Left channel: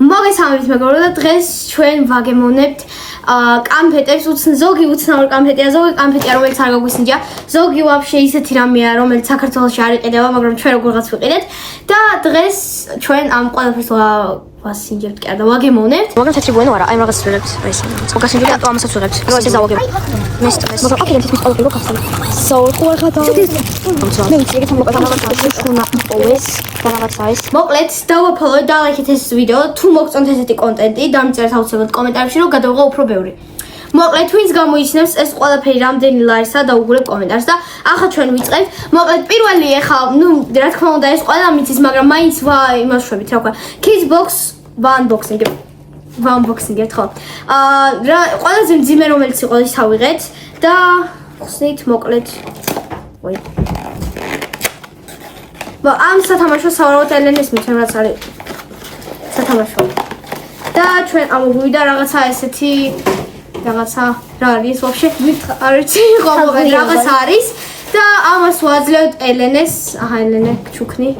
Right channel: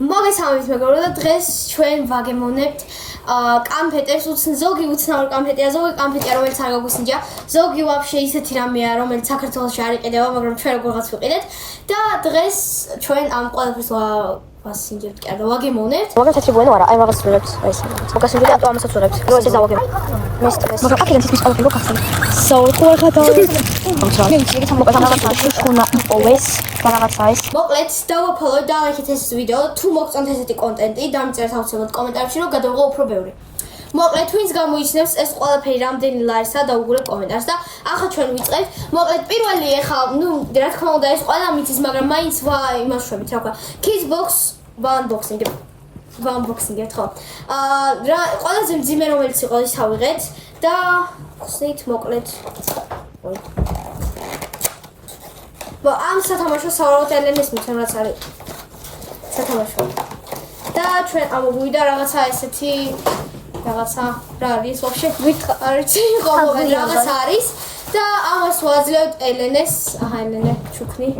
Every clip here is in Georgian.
მოგესალმებით მეგობრებო და დღეს ჩვენ ვაგემოვნებთ კამფეტებს, ზოგი უცნაური კამფეტია, ზოგი კამფეტია, რომელიც არ გაგვისინჯა, ზოგი ვაფშე ისეთი რამეა, რომელიც საქართველოში არ იყიდება, მაგრამ ჩვენ როგორღაც ვიყიდეთ და დღეს ჩვენ ამ ყველაფერს ვასინჯებთ კი არა, ვაგემოვნებთ. მაგას თეთრი ბუენო არა, აი მაგას ვიღებთ, აი ეს. მაგასინჯი და ამასაც ვიღებთ. რო ესე დავაგებ. მესტმეს. მაგას აკეთებს ის ყველაფერი რო გახსენე. საერთოდ ხათა. მე ვიცი რომ მაგას უნდა always განავაცაის. მოკლედ დავაფოლოთ და ლაიქეთ ეს ვიდეო, თუ მოგწონთ ესეთი კონტენტი, დამწერთ აუცილებლად კომენტარებში რომ გადავღო უფრო ბევრი. მოკლედ twins გამოიჩნევს ეს ყველაფერი რამდენი ლარისა და უგულებ კომენტარს და ახლა ჩვენ ვიწყებთ. მოკლედ პირველი ეხა, რა თქმა უნდა ეს ყველა მიცის, მაგრამ მაინც იმას შვებით, რა ვქვა. Kids box unboxing-ებთ ხო? რა ყველაზე მძიმე რომელიც იყო ის ავიღეთ და ხსნით მოკლედ. ой. ამ სათამაშოს სავარაუდოდ ელენეს მithem რაც არის სათამაშო. და ჩვენ ამოვიდა რაღაცა ესეთი რაღაცა რა არის ვაფშე არ ვიცი ხო მოკლედ რაღაცა არის და ამას ვაძლევთ ელენეს ელენე ჩუქნი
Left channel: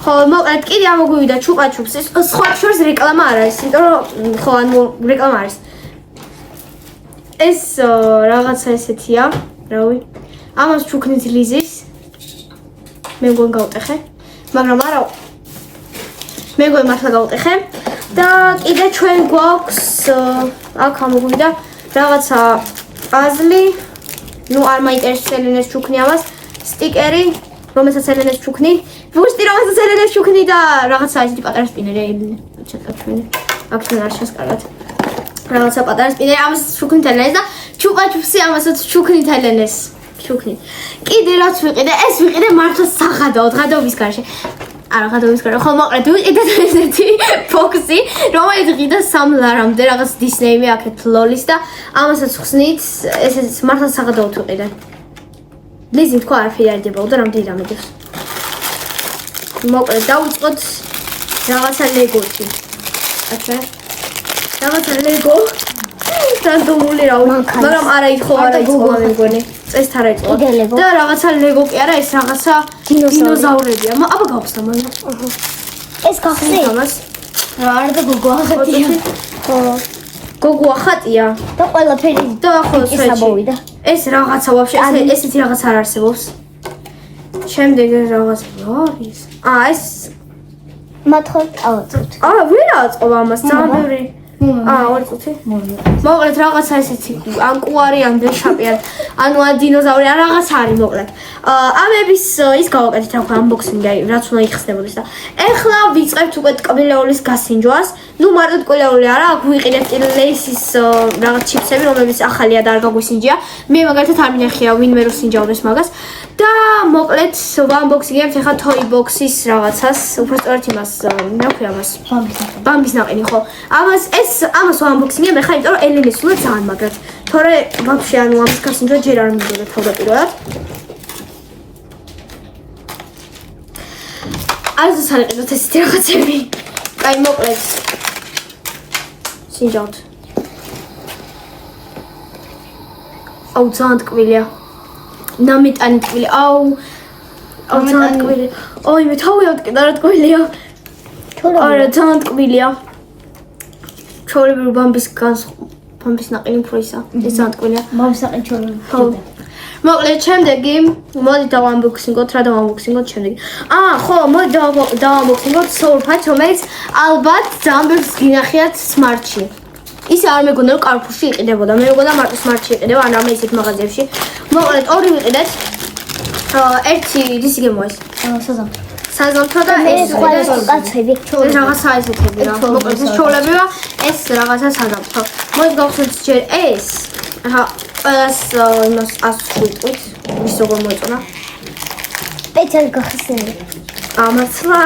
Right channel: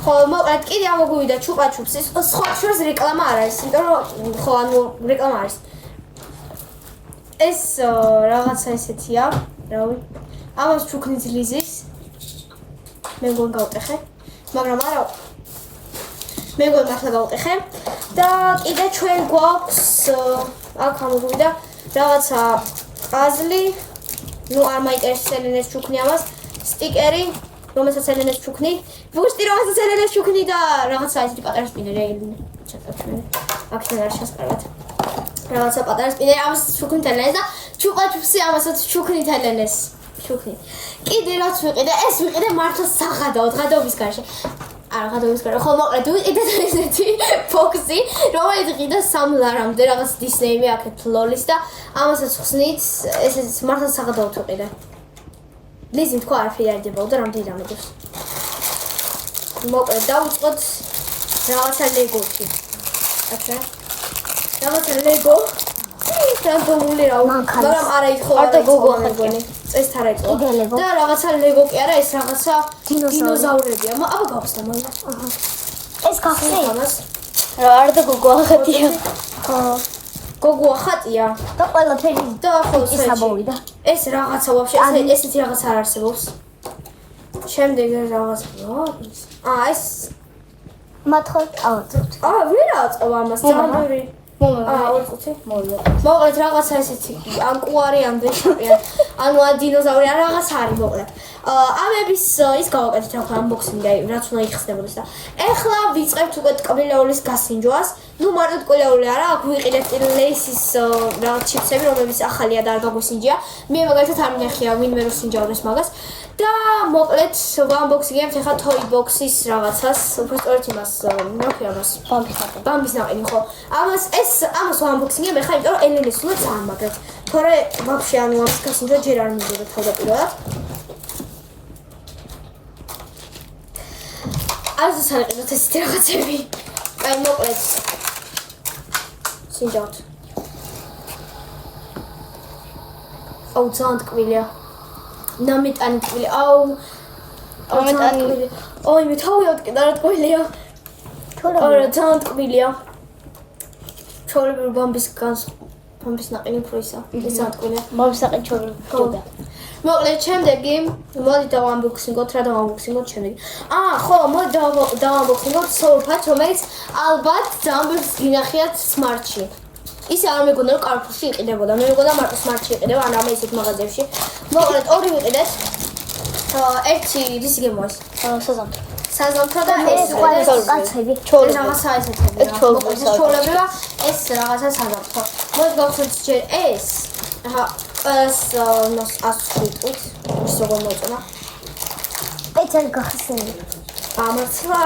ხო მოკლედ კიდე ამოგვივიდა ჩუპაჩუპს ის სხვა შორის რეკლამა არ არის იმიტომ რომ ხო ანუ რეკლამა არის ეს რაღაცა ესეთია რავი ამას ჩუქნით ლიზის მე მგონი გავტეხე მაგრამ არა მე მგონი მართლა გავტეხე და კიდე ჩვენ გვაქვს აქ ამოგვიდა რაღაცა პაზლი ნუ არ მაინტერესებს ელენეს ჩუქნი ამას სტიკერი რომელსაც ელენეს ჩუქნი ბუშტი რომელსაც ელენეს ჩუქნი და რაღაცა ისეთი პატარა სპინერი ელენე ჩატა ჩვენი აქედან არ შესკარგათ რაღაცა პატარა სპინერი ამას ჩუქნით ელენეს და ჩუპაჩუპსი ამასაც ჩუქნით ელენეს ჩუქნით კიდე რაც ვიყიდე ეს ვიყიდე მართლა საღადაოდ ღადაობის გარშე არა ღადაობის გარშე ხო მოკლედ ვიყიდე ესეთი ბოქსი რომელიც ღიდა 3 ლარამდე რაღაც დისნეიმი აქეთ ლოლის და ამასაც ხსნით ეს მართლა საღადაოდ ვიყიდე ლიზი თქვა არაფერი არ დებაო და რამდენი დამედებს მოკლედ დავიწყოთ რაღაცა ლეგოთი აჩა რაღაცა ლეგო რანდომული რავი მაგრამ არა ითხო არა ითხო მე მგონი წესთ არა ითხო და რაღაცა ლეგო კი არა ეს რაღაცა დინოზავრებია აბა გავხსნა მაგრამ ეს გახსნით ამას რა არ და გოგო ახატია გოგო ახატია და ყველაფერი და ახლა წვეჭი ეს რაღაცა ვაფშე ესეთი რაღაც არ არსებობს შემდეგ რაღაც არის ეს მათქოთ ავაწევთ ვერ აწყობა ამას ძალიან ბევრი ორი წუთი მოკლედ რაღაცა ესეთი ანკუარი ან დეშაპი ანუ დინოზავრი ან რაღაცა არის მოკლედ ამების ის გავაკეთეთ რა unboxing-ი რაც უნდა იხსნებოდეს და ეხლა ვიწყებთ უკვე ტკბილეულის გასინჯვას ნუ მარტო ტკბილეული არა აქ ვიყიდეთ ლეისის რაღაც ჩიპსები რომლებიც ახალია და არ გაგვისინჯია მე მაგალითად არ მინახია ვინმე რო სინჯაოდეს მაგას და მოკლედ unboxing-ებთ ეხლა toy box-ის რაღაცას უბრალოდ იმას რა ქვია მას ბამბის ნაყინი ხო ამას unboxing-ებ ეხლა იმიტომ რომ ელენეს უნდა ძალიან მაგრად თორე ვაფშე ანუ ამის გასინჯვა ჯერ არ მინდოდა თავდაპირველად არ ზუსტად ესეთი რაღაცები აი მოკლედ სინჯავთ აუ ძალიან ტკბილია ნამიტანი ტკბილი აუ ძალიან ტკბილი ой მე თავი ავტკიდა რა ტკბილია არა ძალიან ტკბილია ჩოლები ბამბის ნაყინი უფრო ისა ეს ძალიან ტკბილია ბამბის ნაყინი ჩოლები ხო მოკლედ შემდეგი მოდი დავunboxing-ოთ რა დავunboxing-ოთ შემდეგი ხო მოდი დავunboxing-ოთ სოლფაც რომელიც ალბათ ძალიან ბევრს გინახიათ Smart-ში ის არ მეგონა რომ Carrefour-ში იყიდებოდა მე მეგონა მარტო Smart-ში იყიდება ან ამე ისეთ მაღაზიებში მოკლედ ორი ვიყიდეთ ერთი ისი გემოა ეს საზამთრო და ეს კაცები ეს რაღაცა ესეთები რა მოკლედ ეს ჩოლებია ეს რაღაცა საზამთრო მოდი გავხსნით ჯერ ეს აჰა ყველას იმას ასვიტყვით ის როგორ მოეწონა პეცად გახსენე მართლა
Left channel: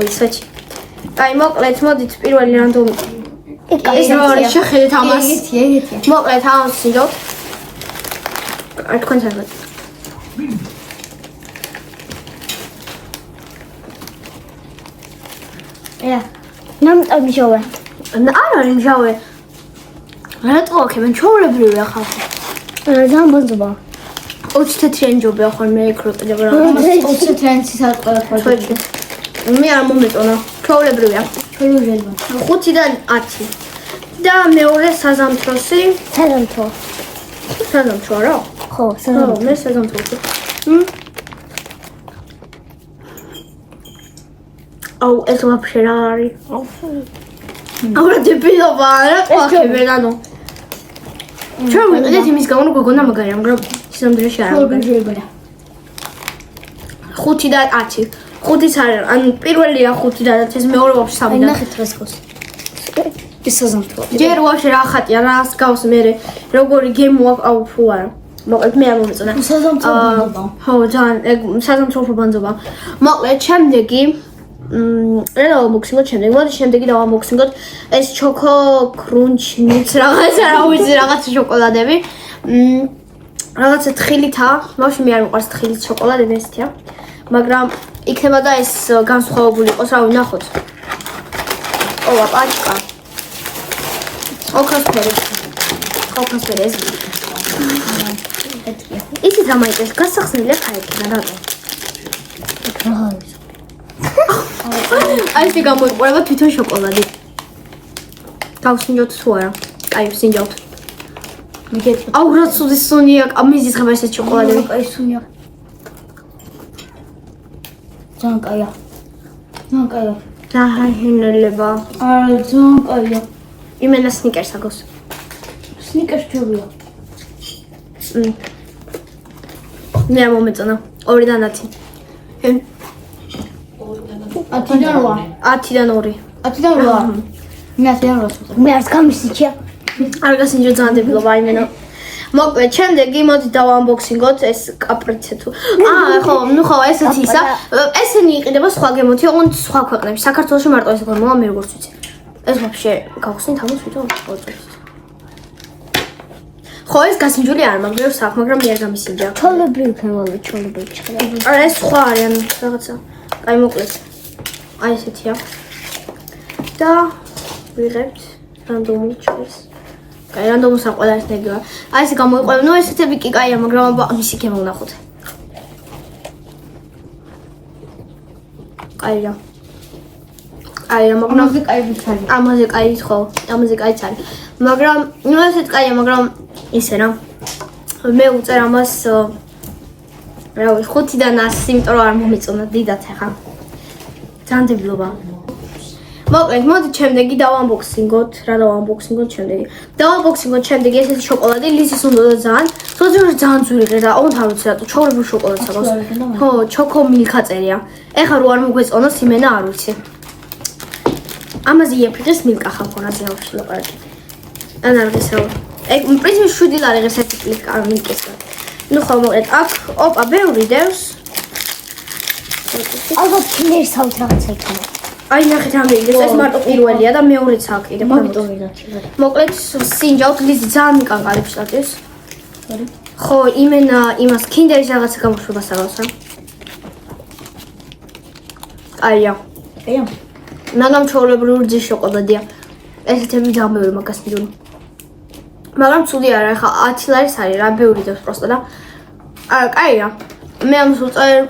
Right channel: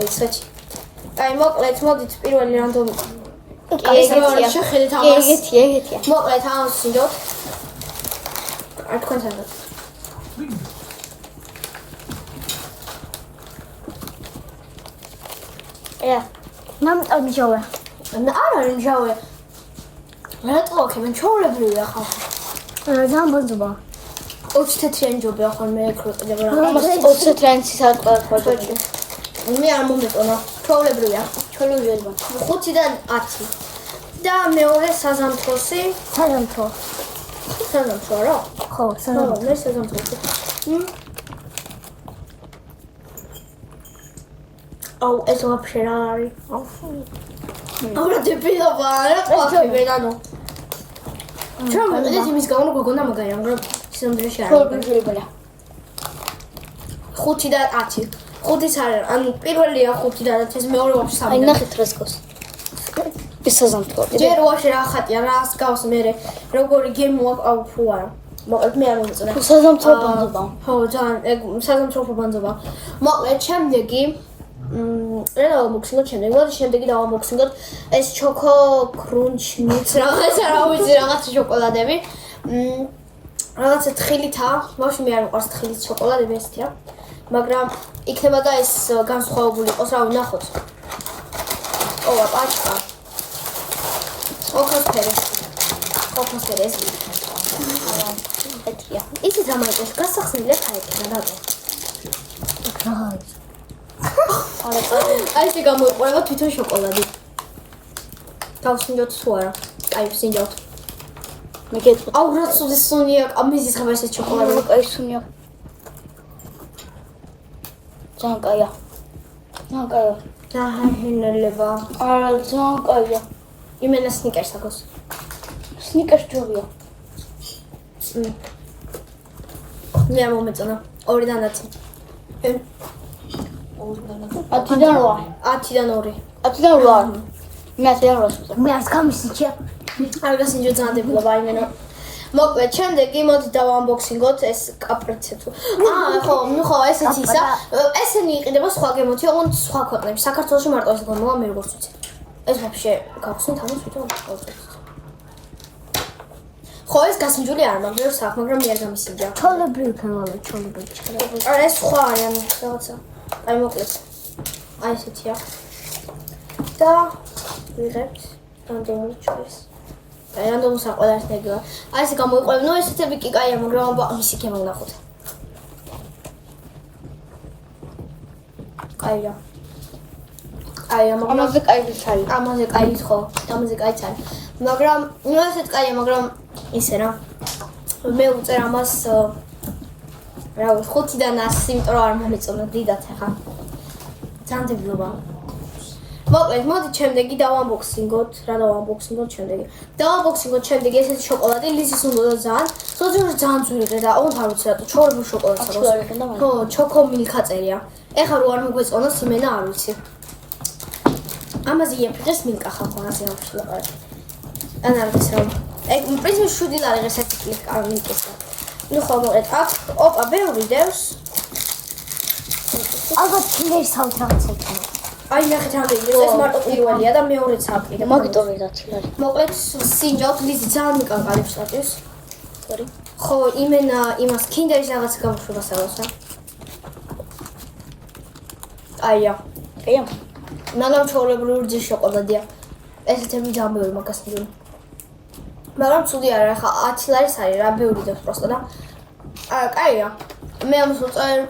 ой სვეჩი აი მოკლედ მოდით პირველი რანდომი ეს რო არის შეხედეთ ამას მოკლედ ამას სინჯობთ არ თქვენ საერთოდ ნამტა მჟავე არ არის მჟავე რატო აქ მე ჩაოლებრივია ხალხი ძალიან ბონზობა 20 თეთრიანი ჯობია ხოლმე ეკროტება რა 20 თეთრიანი ცისარტყა მე არ მომეწონა. ჩვეულებრივია. 5-დან 10. და მეორე საზამთროსი. საზამთრო რა? ხო, მე საზამთროსი. აუ, ეს ვაფშე რა არის? აუ, რა დებილობა, რა ყოქე ვენანო. ჩვენ ვიყიდეთ იმის გამო, რომ გოგონა მაგარია, მაგრამ სამდრეში არ არის. 5-დან 10. 5-იც არის, ანუ პირველია 5-დან 10, ეს მეორე ვაფშე 3-დან. ნახეთ რასკოს. ის საზამთრო. ჯერ ვაფშე რა ხატია, რას გავს მე, როგორი გემო აქვს, აუ ფუ არა. მოკლედ მე არ მომეწონა. საზამთრო ბანძობა. ხო, ძალიან, ეგ საზამთრო ბანძობა. მოკლედ შემდეგი რა დავამოქსინოთ შემდეგ? მოდი შემდეგი დავამოქსინოთ ეს ჩოკო კრუნჩ მიც რაღაცა რა ვიცი, რაღაცა შოკოლადები. რაღაცა თხილითაა. ბავშვი მე არ მიყვარს თხილით შოკოლადები ესეთია. მაგრამ იქნება და ეს განსხვავებული იყოს, რავი, ნახოთ. ოვა, პაჭკა. ოქროსფერი. ოქროსფერი ეს. ისიც რა მაინტერესებს, გასახსნილია ხაიკიდან, რატო? აი ეს გამოიყურება თვითონ შოკოლადი. გავსინჯოთ თუ არა? აი, ვსინჯავთ. მიგეთ. აუ, რა ცუდი სუნია, ამიზის ხება ეს შოკოლადები. აი სუნია. ძალიან კაია. ძალიან კაია. დაჰინელება. არა, ძალიან კაია. იმენა სნიკერს აგოს. სნიკერს ჯობია. მე არ მომეწონა. 2-დან 10. 10-დან 8. 10-დან 2. 10-დან 8. მე 10-დან 8. მე არც გამისიჩია. არ გასინჯო ძალიან დებილობა იმენა. მოკლედ, შემდეგი მოდი დავანბოქსინგოთ ეს კაპრიცე თუ. ხო, ნუ ხო, ესეც ისა. ესენი იყიდება სხვა გემოთი, ოღონდ სხვა ქვეყნებში. საქართველოში მარტო ეს გემოა, მე როგორც ვიცი. ეს ვაფშე გავხსნით ამას თვითონ გავწევთ. ხო, ეს გასინჯული არ მაგრამ საქმე, მაგრამ მე არ გამისინჯა. ჩოლებრივი ქემები, ჩოლებრივი. არა, ეს სხვა არიან რაღაცა. აი, მოკლედ. აი ესეთია. და ვიღებთ რანდომულ ჩხერს. კაი, რანდომულს არ ყველა ერთი ეგევა. აი ესე გამოიყურება. ნუ ესეთები კი კაია, მაგრამ ამისი გემო ვნახოთ. კაია. კაია, მაგრამ ამაზე კაი არის. ამაზე კაი ხო, ამაზე კაიც არის. მაგრამ ნუ ესეც კაია, მაგრამ ისე რა. მე უწერ ამას რა ვიცი, 5-დან 100, იმიტომ რომ არ მომეწონა დიდად ახლა. ძალიან დებილობა. მოკლედ, მოდი შემდეგი დავანბოქსინგოთ. რა დავანბოქსინგოთ შემდეგი? დავანბოქსინგოთ შემდეგი ესეთი შოკოლადი, ლიზის უნდა ძალიან. ძალიან ძვირი და ოღონდ არ ვიცი რატო, ჩაურებულ შოკოლადს აქვს. ხო, ჩოკო მილკა წერია. ეხლა რო არ მოგვეწონოს იმენა არ ვიცი. ამაზე იაფიღეს მილკა ხახო რაზე ავში ლაპარაკი. ან არ ვიცი რა. ეგ პრინციპი 7 ლარი ღირს ერთი პლიკ მილკისგან. ნუ ხო მოკლედ, აქ ოპა ბევრი დევს. ალბათ კინდერს ავთ რაღაცა იქნება. აი ნახეთ ამდენი ეს მარტო პირველია და მეორეც აქ კიდე მოგიტოვე რა თქმა უნდა. მოკლედ სინჯავთ ლიზი ძალიან მიკანყალებს შტატის. ხო, იმენა იმას კინდერის რაღაცა გამოშვებას აღავს რა. აია. აია. მაგრამ ჩაოლებრივი რძის შოკოლადია. ესეთები ძალიან ბევრი მაგას მიდუნ. მაგრამ ცუდი არა, ხა 10 ლარის არის რა, ბევრი დევს პროსტა და კაია. მე ამას უწერ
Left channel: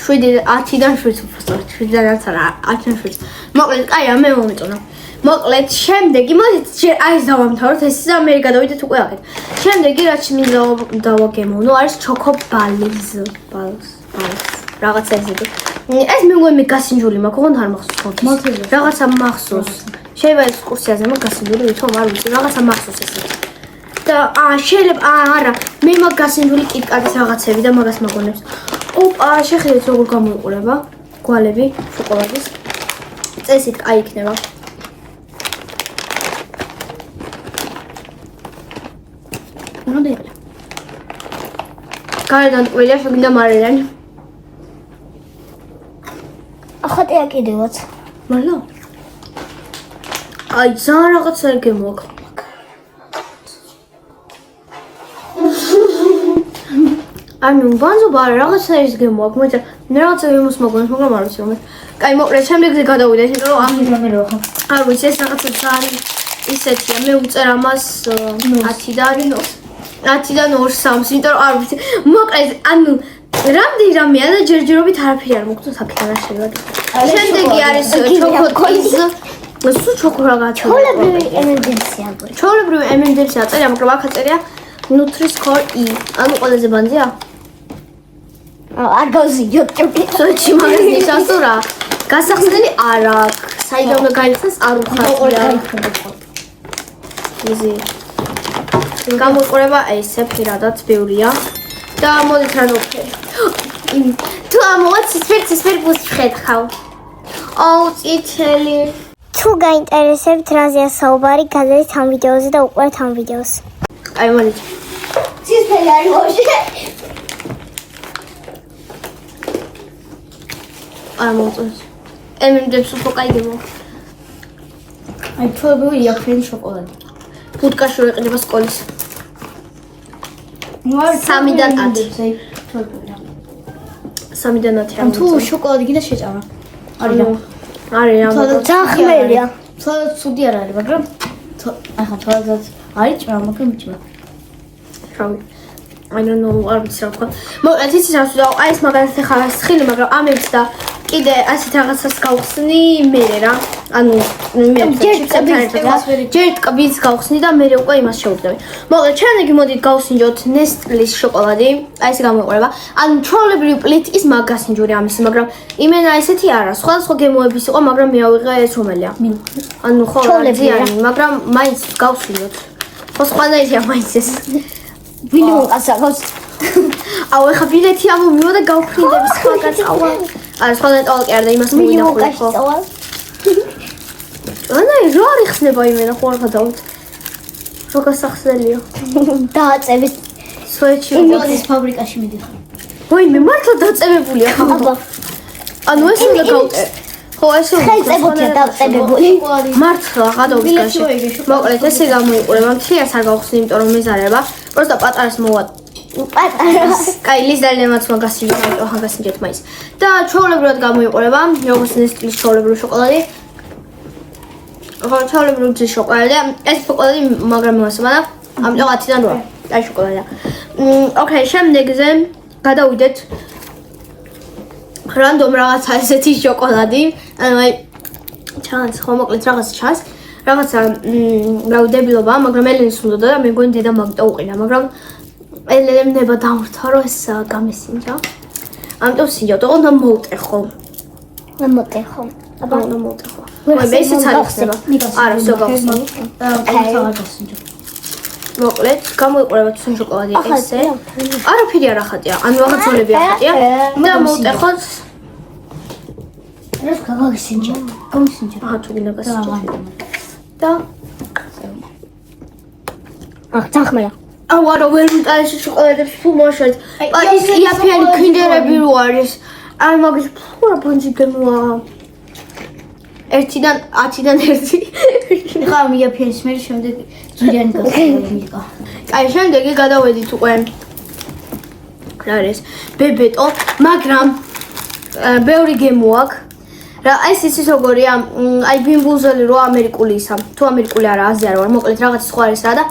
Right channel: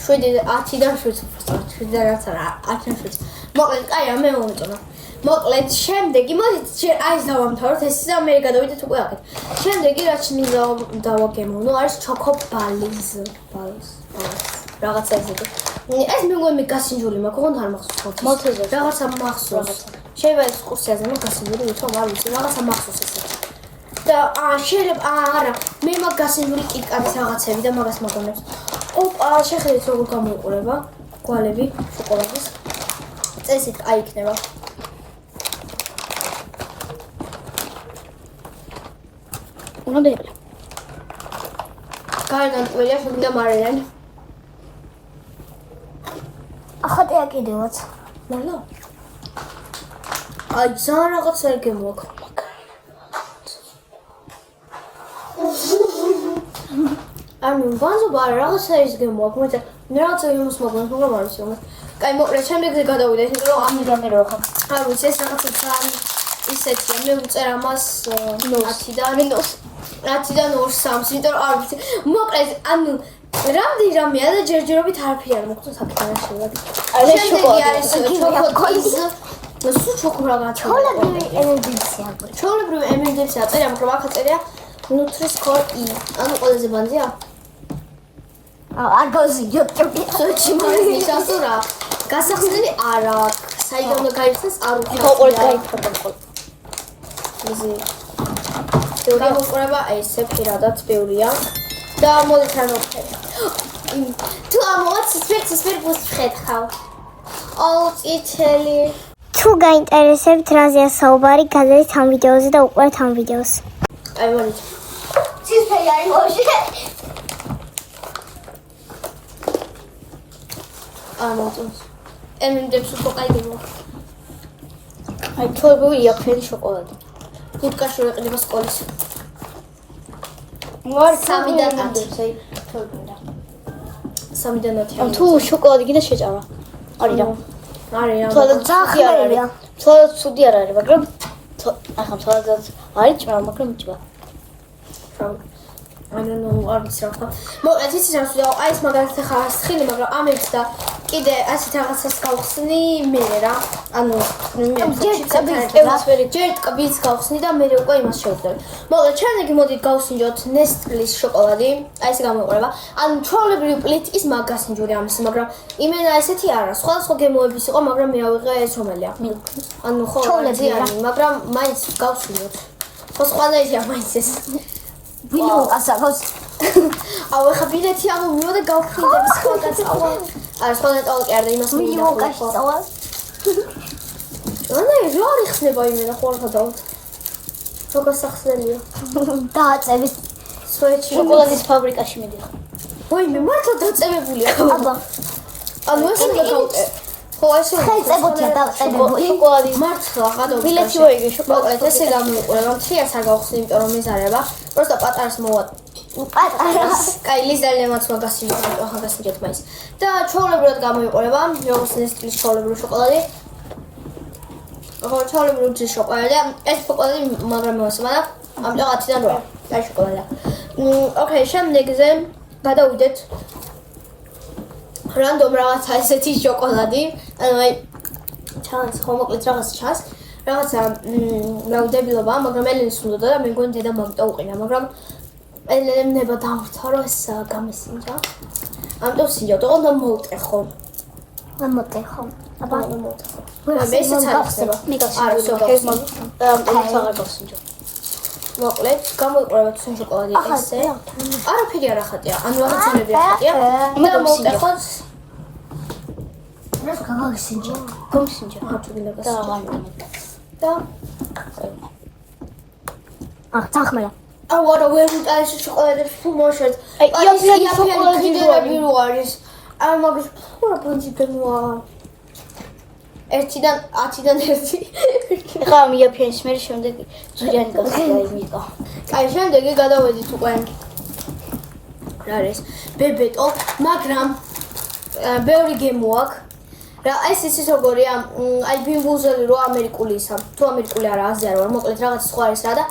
10-დან 7 უბრალოდ 7-დან არა 10-დან 7. მოკლედ, კაია, მე მომეწონა. მოკლედ, შემდეგი მოდით აი ეს დავამთავროთ, ეს და მე გადავიდეთ უკვე აქეთ. შემდეგი რაც მინდა დავაგემოვნო არის ჩოკო ბალს. რაღაცა ესეთი. ეს მე მგონი გასინჯული მაქვს, ოღონდ არ მახსოვს. რაღაცა მახსოვს. შეიძლება ექსკურსიაზე მაგ გასინჯული ვითომ არ ვიცი, რაღაცა მახსოვს ესეთი. და შეიძლება არა, მე მაგ გასინჯული კიტკატის რაღაცები და მაგას მაგონებს. ოპა, შეხედეთ როგორ გამოიყურება გვალები შოკოლადის. წესით კაი იქნება. ნამდვილად. გარედან ტყუილია, შეგინდა მარილიანი. ახატია კიდევაც. მალო. აი, ძალიან რაღაცა გემოაქვს. ანუ ბანზობა რაღაცა ის გემოაქვს, მაგრამ მე რაღაცა გემოს მაგონს, მაგრამ არ ვიცი რომელი. კაი, მოკლედ, შემდეგზე გადავიდეთ, იმიტომ რომ ამ არ ვიცი, ეს რაღაცა ძალიან ისეთია, მე უწერ ამას 10-დან 2-3-ს, იმიტომ რომ არ ვიცი. მოკლედ, ანუ რამდენი რამეა და ჯერჯერობით არაფერი არ მოგწონს აქედან არ შეიძლება. შემდეგი არის ჩოკოტის. სულ ჩოკოლადა. ჩოულებრივი M&M-ს აწერია, მაგრამ აქ აწერია Nutri-Score E. ანუ ყველაზე ბანძია? არ გავზიოთ ჩოკი. სოჩი მაგას ნიშნავს თუ რა? გასახსნელი არ აქვს. საიდან უნდა გაიხსნას არ უხარია. იზი. გამოყურება ესე პირადად ბევრია და მოდით რა ნოფერი. თუ ამოვა ცისფერ გუსწრეთ ხავ. აუ წითელი. თუ გაინტერესებთ რაზეა საუბარი, გადადით ამ ვიდეოზე და უყურეთ ამ ვიდეოს. აი მოდით. ცისფერი არის ვოშე. არ მომწონს. M&M-ს უფრო კაი გემო. აი თორბური იაფრენი შოკოლადი. ფუტკაში ვეყიდება სკოლის. 3-დან 10. 3-დან 10 თუ შოკოლადი კიდე შეჭარა. არის რა. ძალიან ხმელია. თორად ცუდი არ არის, მაგრამ ახლა თორად არის ჭრა, მაგრამ ჭრა. Probably. I don't know არ ვიცი რა თქვა. მოკლედ იცი რა ვთქვა, აი ეს მაგალითად ახლა სხილი, მაგრამ ამებს და კიდე ასეთ რაღაცას გავხსნი მე რა. ანუ მე ჩიპსებთან ერთად ჯერ ტკბილს გავხსნი და მე უკვე იმას შევუდგები. მოკლედ შემდეგი მოდით გავსინჯოთ Nestle-ის შოკოლადი. აი ესე გამოიყურება. ანუ ჩვეულებრივი პლიტის მაგასინჯური ამისი, მაგრამ იმენა ესეთი არა. სხვადასხვა გემოების იყო, მაგრამ მე ავიღე ეს რომელია. ანუ ხო ზიანი, მაგრამ მაინც გავსინჯოთ. ხო სხვადასხვა მაინც ეს. ვინმე უკასაღავს. აუ ეხა ბილეთი ამომივა და გავფრინდები სხვა გაწავა. არა სხვა ნეტოლკი არ და იმას მოვინახულე ხო. ანა რა რიხსნება იმენა ხო არ გადავთ. რო გასახსნელია. დააწევით სვეჩი იმის ფაბრიკაში მიდიხარ. ვაი მე მართლა დაწევებულია ხო. ანუ ეს უნდა გავუტე. ხო ეს უნდა დააწევებული. მართლა გადავდის განში. მოკლედ ესე გამოიყურება. მთლიანს არ გავხსნი, იმიტომ რომ მეზარება. просто პატარას მოვა. პატარას. კაი ლიზდალემაც მაგასინჯეთ, ამიტომ მაგასინჯეთ მაინც. და ჩვეულებრივად გამოიყურება, როგორც Nestle-ის ჩვეულებრივი შოკოლადი. ხო, ჩვეულებრივი შოკოლადი. ეს შოკოლადი მაგრამ მოასება და ამიტომ 10-დან 8. აი შოკოლადია. ოკეი, შემდეგზე გადავიდეთ რანდომ რაღაცა ესეთი შოკოლადი. ანუ აი ჩანს, ხო მოკლედ რაღაც ჩანს. რაღაცა დებილობა, მაგრამ ელენს უნდა და მე მგონი დედა მაგტო უყინა, მაგრამ ელენემ ნება დამრთა რომ ეს გამესინჯა. ამიტომ სინჯავ, უნდა მოუტეხო. მე მოტეხო. აბა უნდა მოუტეხო. ვაი მე ისიც არ იხსნება. არა, всё გავხსნი. მოკლედ, გამოიყურება თუ შოკოლადი ესე. არაფერი არ ახატია, ანუ რაღაც ზონები ახატია და მოუტეხოთ. ეს გაგასინჯა. გამსინჯა. აჰა, თუ გინდა გასინჯა. და ძახმელა. აუ არა ვერ მიტანე შოკოლადებს თუ მოშეთ. აი ეს იაფიანი კინდერები რო არის. აი მაგის ფურა ბანძი გემოა. 1-დან 10-დან 1. ხა მიაფიანს მე შემდეგ ჯირიანი გასწავლა. აი შემდეგი გადავედით უკვე. რა არის? ბებეტო, მაგრამ ბევრი გემო აქვს. რა ეს იცის როგორია? აი ბიმბულზელი რო ამერიკული ისა. თუ ამერიკული არა, აზია რა ვარ, მოკლედ რაღაც სხვა არის რა და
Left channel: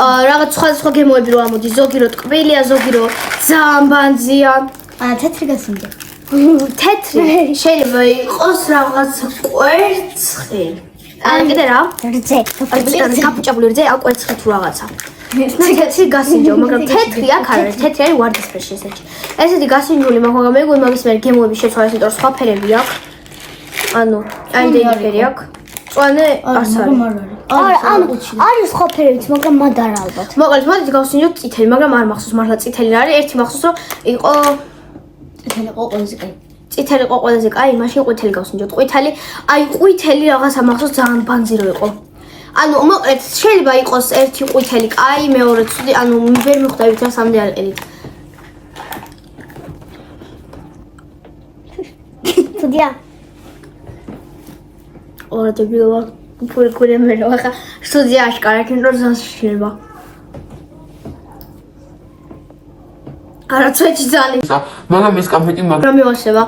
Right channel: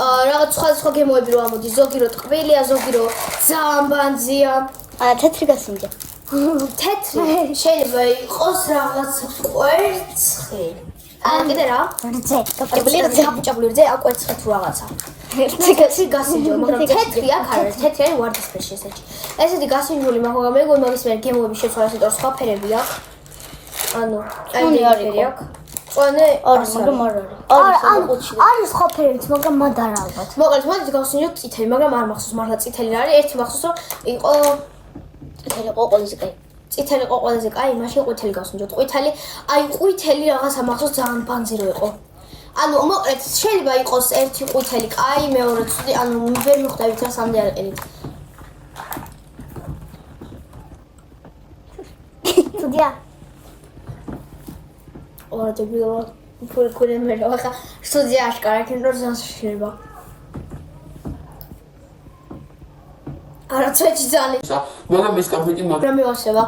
რაღაც სხვა გემოები რო ამოდის, ზოგი რო ტკბილია, ზოგი რო ძალიან ბანძია. აა თეთრი გასინჯა. თეთრი შეიძლება იყოს რაღაც კვერცხი. კიდე რა? რძე. კაპუჭებული რძე, ა კვერცხი თუ რაღაცა. თეთრი გასინჯო, მაგრამ თეთრი აქ არ არის, თეთრი არის ვარდისფერში ესეთი. ესეთი გასინჯული მაგრამ მე მგონი მაგის მე გემოები შეცვალა, იმიტომ რომ სხვა ფერები აქვს. ანუ აი დეიფერი აქვს. წვანე არც არის. არის სხვა ფერებიც, მაგრამ მად არ ალბათ. მოკლედ მოდით გავსინჯოთ წითელი, მაგრამ არ მახსოვს მართლა წითელი რა არის. ერთი მახსოვს რომ იყო წითელი ყოყოლზე კაი. წითელი იყო ყველაზე კაი, მაშინ ყვითელი გავსინჯოთ. ყვითელი, აი ყვითელი რაღაცა მახსოვს ძალიან ბანძი რო იყო. ანუ მოკლედ შეიძლება იყოს ერთი ყვითელი კაი, მეორე ცუდი, ანუ ვერ მიხვდებით რა სამდე არ ყიდით. ცუდია. ორ დებილობა ფული მე რა ხა სტუდია აშკარა კინო ზანშილება. არა წვეჭი ძალიან. მაგრამ ეს კამფეტი მაგრამ მივასება.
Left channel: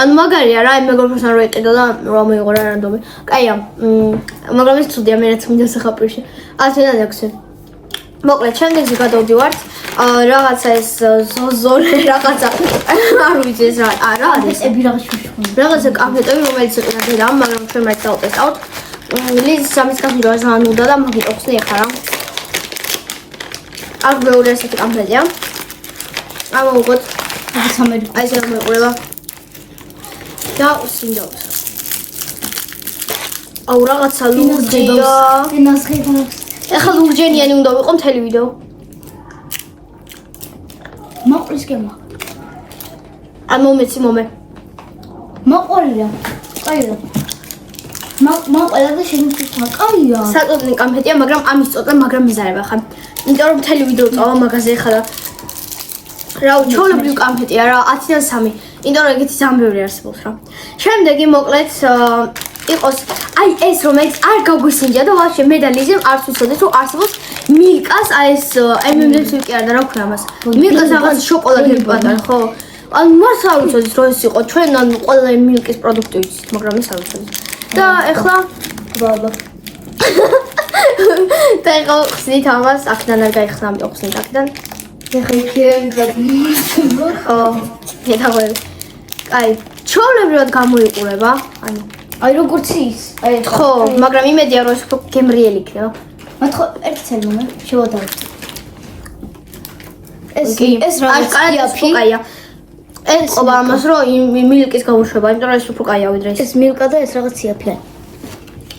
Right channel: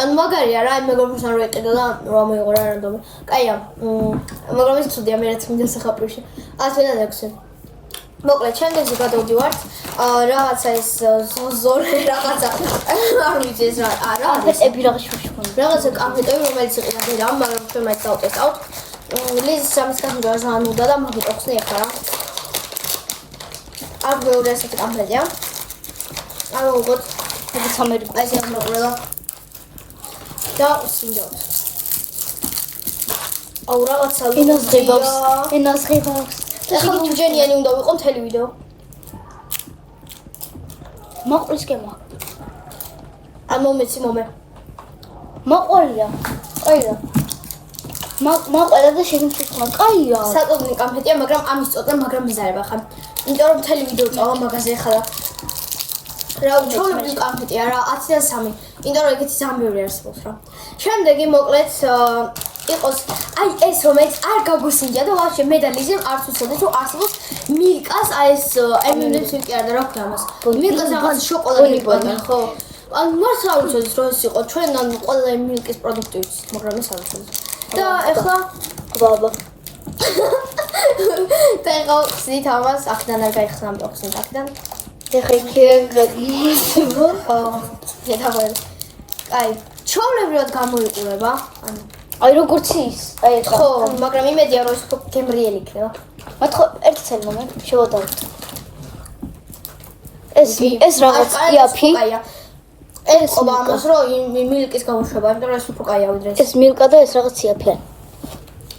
ანუ მაგარია რა, მეგობრებთან რო იყიდო და რა მოიღო რა რანდომი. კაია. მაგრამ ეს ცუდია მე რაც მინდა სახაპრიში. 10-დან 6. მოკლედ შემდეგზე გადავდივართ რაღაცა ეს ზორე რაღაცა არ ვიცი ეს რა არის ები რაღაც შუშხული. რაღაცა კამპიუტერი რომელიც იყიდა დედამ მაგრამ ჩვენ მაინც დავტესტავთ ლიზის სამის კამპიუტერი ძალიან უნდა და მაგით ოხსნი ახლა რა აქ მეორე ასეთი კამპიუტერია ამოვუყოთ ეს ამერიკა. აი ეს ამოყრება და უსინდოთ აუ რაღაცა ლურჯია ენას ხედავს. ეხლა ლურჯენიანი უნდა ვიყო მთელი ვიდეო მოყრის გემო. ან მომეცი მომე მოყოლია. ყოლია. მოყოლა და შეიძლება ყოლია. საწოდნი კამფეტია მაგრამ ამის წოდნა მაგრამ მიზარება ხარ იმიტომ რომ მთელი ვიდეო წავა მაგაზე ეხლა და რა უჩვეულებრივი კამფეტია რა 10-დან 3 იმიტომ რომ ეგეთი ძალიან ბევრი არსებობს რა შემდეგი მოკლედ იყოს აი ეს რომელიც არ გაგვისინჯა და ვაფშე მე და ლიზემ არც ვიცოდეთ რომ არსებობს მილკას აი ეს MM-ს ვიკი არა და რა ქვია მას მილკას რაღაც შოკოლადები პატარა ხო ან მას არ ვიცოდით რომ ეს იყო ჩვენ ან ყველა მილკის პროდუქტი ვიცით მაგრამ ეს არ ვიცოდით და ეხლა ბაბა და ეხლა ხსნით ამას აქედან არ გაიხსნა ამიტომ ხსნით აქედან ეხლა გაგიჟო. ხო მეთაღვე აი ჩოვლებრივად გამოიყურება ანუ აი როგორც ის. აი ხო მაგრამ იმედია რომ ეს უფრო გემრიელი იქნება მათქო ერთი წელი მომე შევადაროთ. ეს რაღაც კაიფი ეს ყობა ამას რომ მილკის გამოშვება იმიტომ რომ ეს უფრო კაია ვიდრე ეს ეს მილკა და ეს რაღაც იაფია.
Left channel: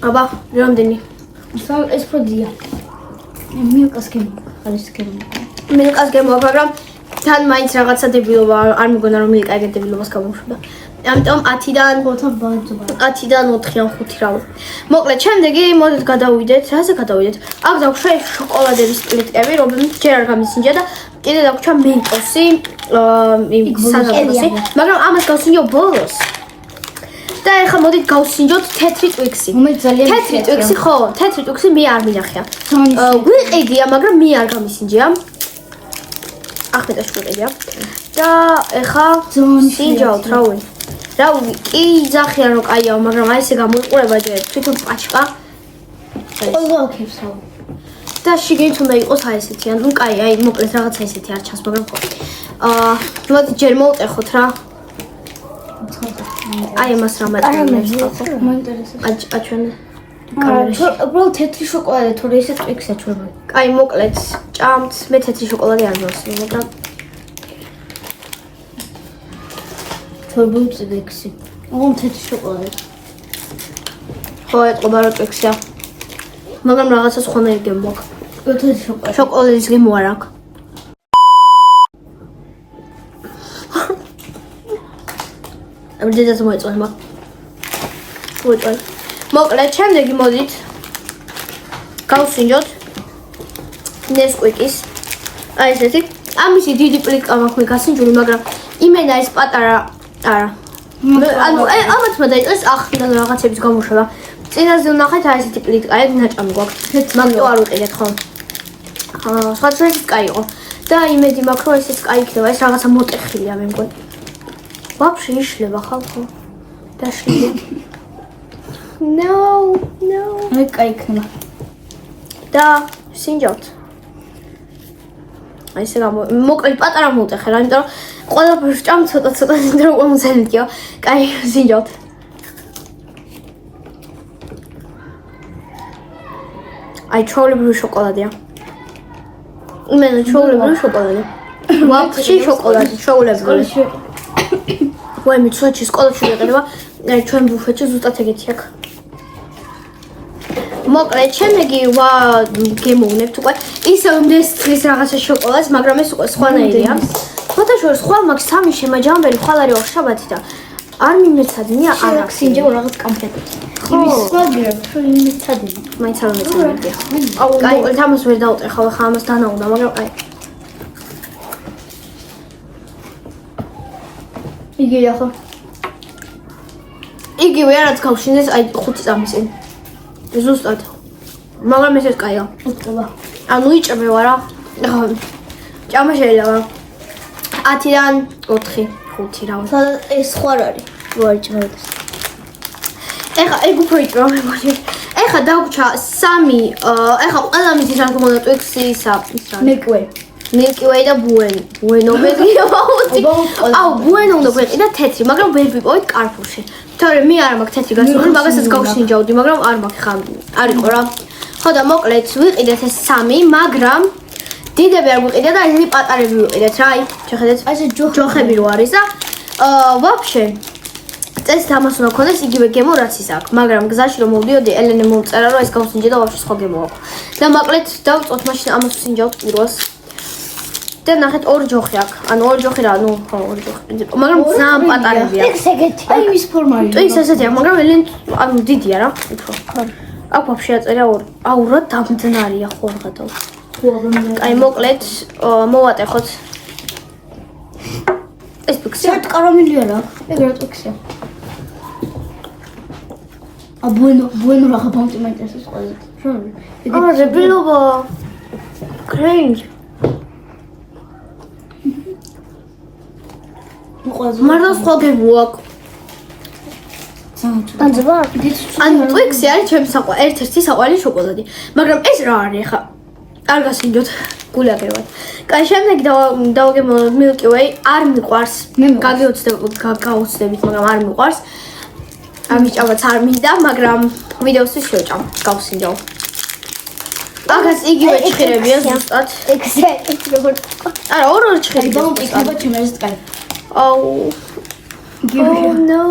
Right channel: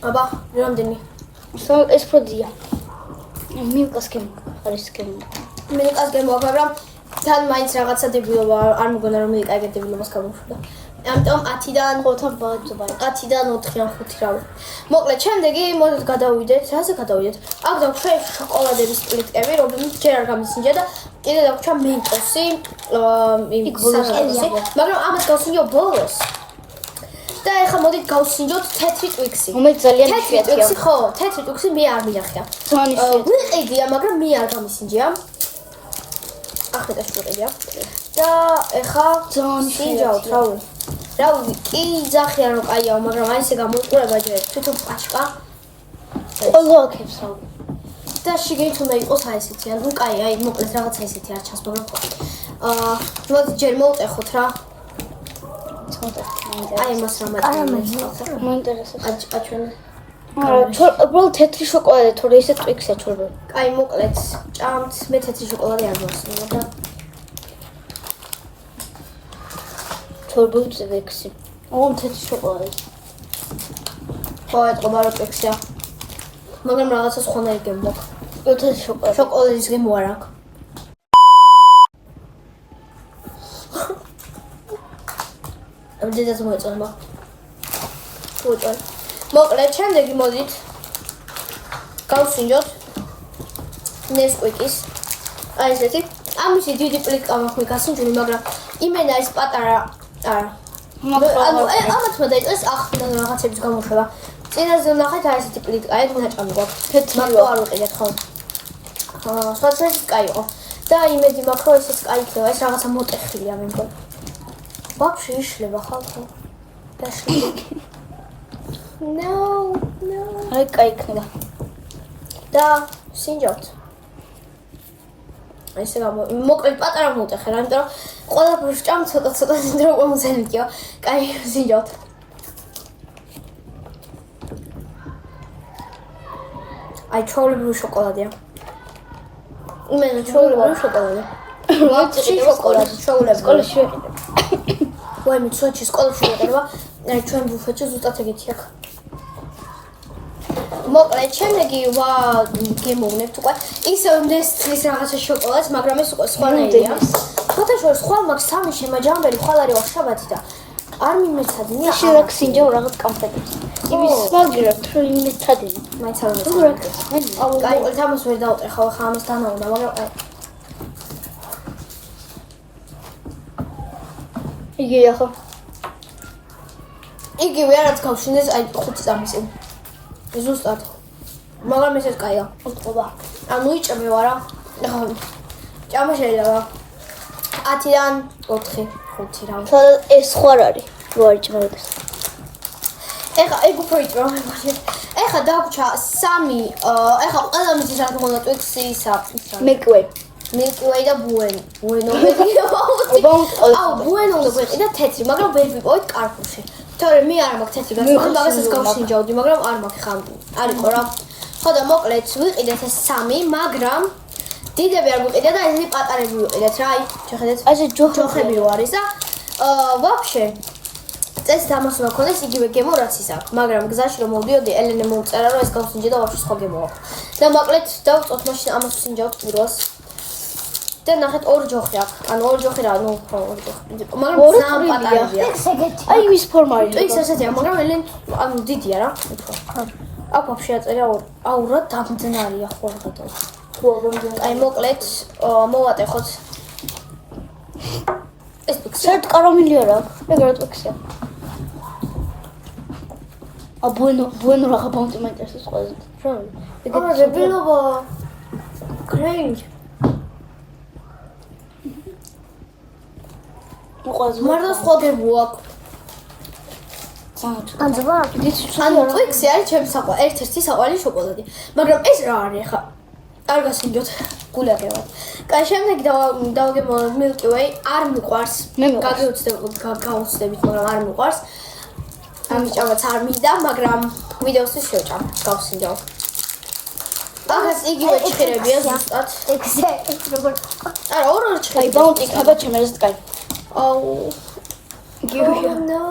აბა რამდენი ეს პროდია. მილკას გემო. არის გემო. მილკას გემოვა მაგრამ თან მაინც რაღაცა დებილობა არ მეგონა რომ მილკა ეგეთ დებილობას გამოშვება ამიტომ 10-დან 10-დან 4 ან 5 რავი მოკლედ შემდეგი მოდით გადავიდეთ რაზე გადავიდეთ აქ დაგვშვა შოკოლადების პლიტკები რომელთაც ჯერ არ გამისინჯა და კიდე დაგვჩა მენტოსი საზამთროსი მაგრამ ამას გავსინჯო ბოლოს და ეხლა მოდით გავსინჯოთ თეთრი ტვიქსი მომე ძალიან თეთრი ტვიქსი ხო თეთრი ტვიქსი მე არ მინახია გვიყიდია მაგრამ მე არ გამისინჯია ახმეტაში ვიყიდია და ეხლა სინჯავთ რავი რავი კი ძახიან რომ კაიაო მაგრამ აი ესე გამოიყურება ჯერ თვითონ პაჩკა ყველა აქებსა და შიგნით უნდა იყოს აი ესეთი ანუ კაი აი მოკლედ რაღაცა ესეთი არ ჩანს მაგრამ ხო მოდი ჯერ მოვტეხოთ რა აი მას რა მატერიალებს ხო მოინტერესებს. აჩვენ უბრალოდ თეთრი შოკოლადი თორე ისე ტვიქსია ჩვენბა. კაი მოკლედ ჭამთ მე თეთრი შოკოლადი არ მოვსმენ მაგრამ თორბულ ტვიქსი. ოღონდ თეთრი შოკოლადი. ხო ეტყობა რომ ტვიქსია მაგრამ რაღაცა სხვანაირი გემო აქვს თეთრი შოკოლადი. შოკოლადის გემო არ აქვს ამ დედას მოეწონება მოეწონა მოკლედ შემდეგი მოდით გავსინჯოთ ნესკვიკის აი ესეთი ამისი დიდი პლიტკა მაქვს მე გასინჯული მაგრამ იმენა ეს პატარა არა ანუ ამათ მოდაიწყეს ახლა რაღაცების გამოშვება წინაზე ვნახეთ აი ესეთი პლიტკა ეგ ნაჭამი გვაქვს მაგто არ ვიყიდეთ ხო სხვა წესით კაი იყო და იმედი მაქვს რომ ესეც კაი იქნება ეს რაღაცა მოტეხილია მე მგონი ვაფშე იშლება ხალხო დაშლილი No. აი კაი იქნება. და სინჯავთ. აი ესე მოკლედ პატარა მოვტეხე რა, იმიტომ რომ ყველაფერს ჭამ ცოტა იმიტომ რომ მომზენდიო. კაი სინჯავთ. აი ჩოვლებრივი შოკოლადია. იმენა ჩოვლებრივი შოკოლადი. ვაფშე შოკოლადი ჩოვლებრივი. ვაი მე ცოტა სკოლაში ვიყიდება. აი ჩვენ ბუფეტში ზუსტად ეგეთი აქვს. მოკლედ შემდეგი გემოვნებთ უკვე ისე უმდეს წლის რაღაცა შოკოლადს მაგრამ ეს უკვე სხვანაირია ფოთაშორის ხვალ მაქვს 3 შემაჯამებელი ხვალ არის შაბათი და არ მიმეცადინია არ ახსინჯო რაღაც კამფეტი იმის მაგირა თუ იმეცადინი მაინც არ მიმეცადინია აუ მოკლედ ამას ვერ დავტეხავ ხა ამას დანაუნდა მაგრამ აი იგი ახლა იგივე რაც გავშინდეს აი 5 წამის წინ ზუსტად მაგრამ ესეც კაია უტყობა ანუ იჭმე ვარა ჭამა შეიძლება 10-დან 4 5 რა ეს სხვა არის ვაიჭმე ეხა ეგ უფრო იჭმე მე ეხა დაგვრჩა 3 ეხა ყველა მისთვის რა თქმა უნდა Twix-ისა Milky Way და Bueno ვეგია აუცი. აუ Bueno უნდა გვეყიდა თეთრი, მაგრამ ვერ ვიპოვეთ Carrefour-ში. თორე მე არ მაქვს თეთრი გასული, მაგასაც გავშინჯავდი, მაგრამ არ მაქვს ხა. არ იყო რა. ხო და მოკლედ ვიყიდეთ ეს 3, მაგრამ დიდები არ გვიყიდა და ესეთი პატარები ვიყიდეთ რა. აი, შეხედეთ. აი ეს ჯოხები რო არის და ვაფშე წესით ამას უნდა გქონდეს იგივე გემო რაც ის აქვს, მაგრამ გზაში რომ მოვდიოდი, ელენე მომწერა რომ ეს გავსინჯე და ვაფშე სხვა გემო აქვს. და მოკლედ დავწოთ მაშინ ამას ვსინჯავთ პირველს. და ნახეთ ორი ჯოხი აქვს. ანუ ორი ჯოხი რა, ნუ ხო ორი ჯოხი. მაგრამ ძალიან პატარებია. აი ის ფორმაა. ტვიქს ესეთია, მაგრამ ელენ ანუ დიდია რა, უფრო. აქ ვაფშე აწერია ორი. აუ რა დამძნარია ხო რაღაცა. აი მოკლედ მოვატეხოთ. ეს ტვიქსია. საერთოდ კარამელი არ აქვს. ეგრე ტვიქსია. Bueno raga ბაუნტი მაინტერესებს ყველაზე. აა რებილობა. კრენჯ. მარტო სხვა გემო აქვს. განძება? ანუ ტვიქსი არის ჩემი ერთ-ერთი საყვარელი შოკოლადი. მაგრამ ეს რა არის ხა? არ გასინჯოთ გულაგებად. კაი, შემდეგ დავაგემოვნოთ Milky Way, არ მიყვარს. გავუცდებით, მაგრამ არ მიყვარს. ამის ჭამაც არ მინდა, მაგრამ ვიდეოსთვის შევჭამ, გავსინჯავ. აქაც იგივე ჭხირებია ზუსტად. ეგზექტ როგორ არა, ორი ჭხირი. ბაუნტი იქნება ჩემს კაი. Oh no.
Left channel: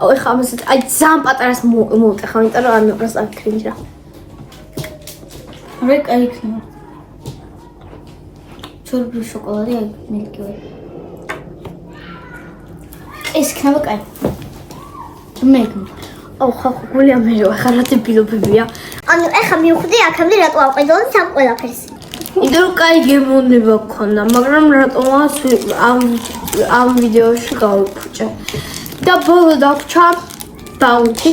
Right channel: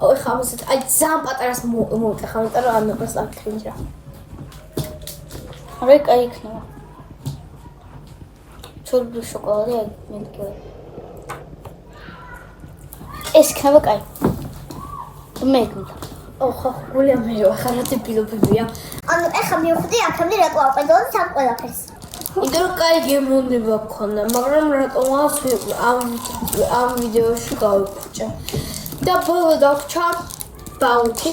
Oh, ეხა ამასაც აი ძალიან პატარას მოვტეხა, იმიტომ რომ არ მეყრას აქ კრინჯა. არა, კაი იქნება. ჩორბი შოკოლადი აი Milky Way. ეს იქნება კაი. მეგო. აუ ხა გული ამერო, ხა რა დებილობებია. ანუ ეხა მივხვდი აქამდე რატო ავყიდო სამ ყველაფერს. იმიტომ რომ კაი გემოვნება გქონდა, მაგრამ რატომაც ამ ვიდეოში გავიფუჭე. და ბოლო დავჭა ბაუნტი.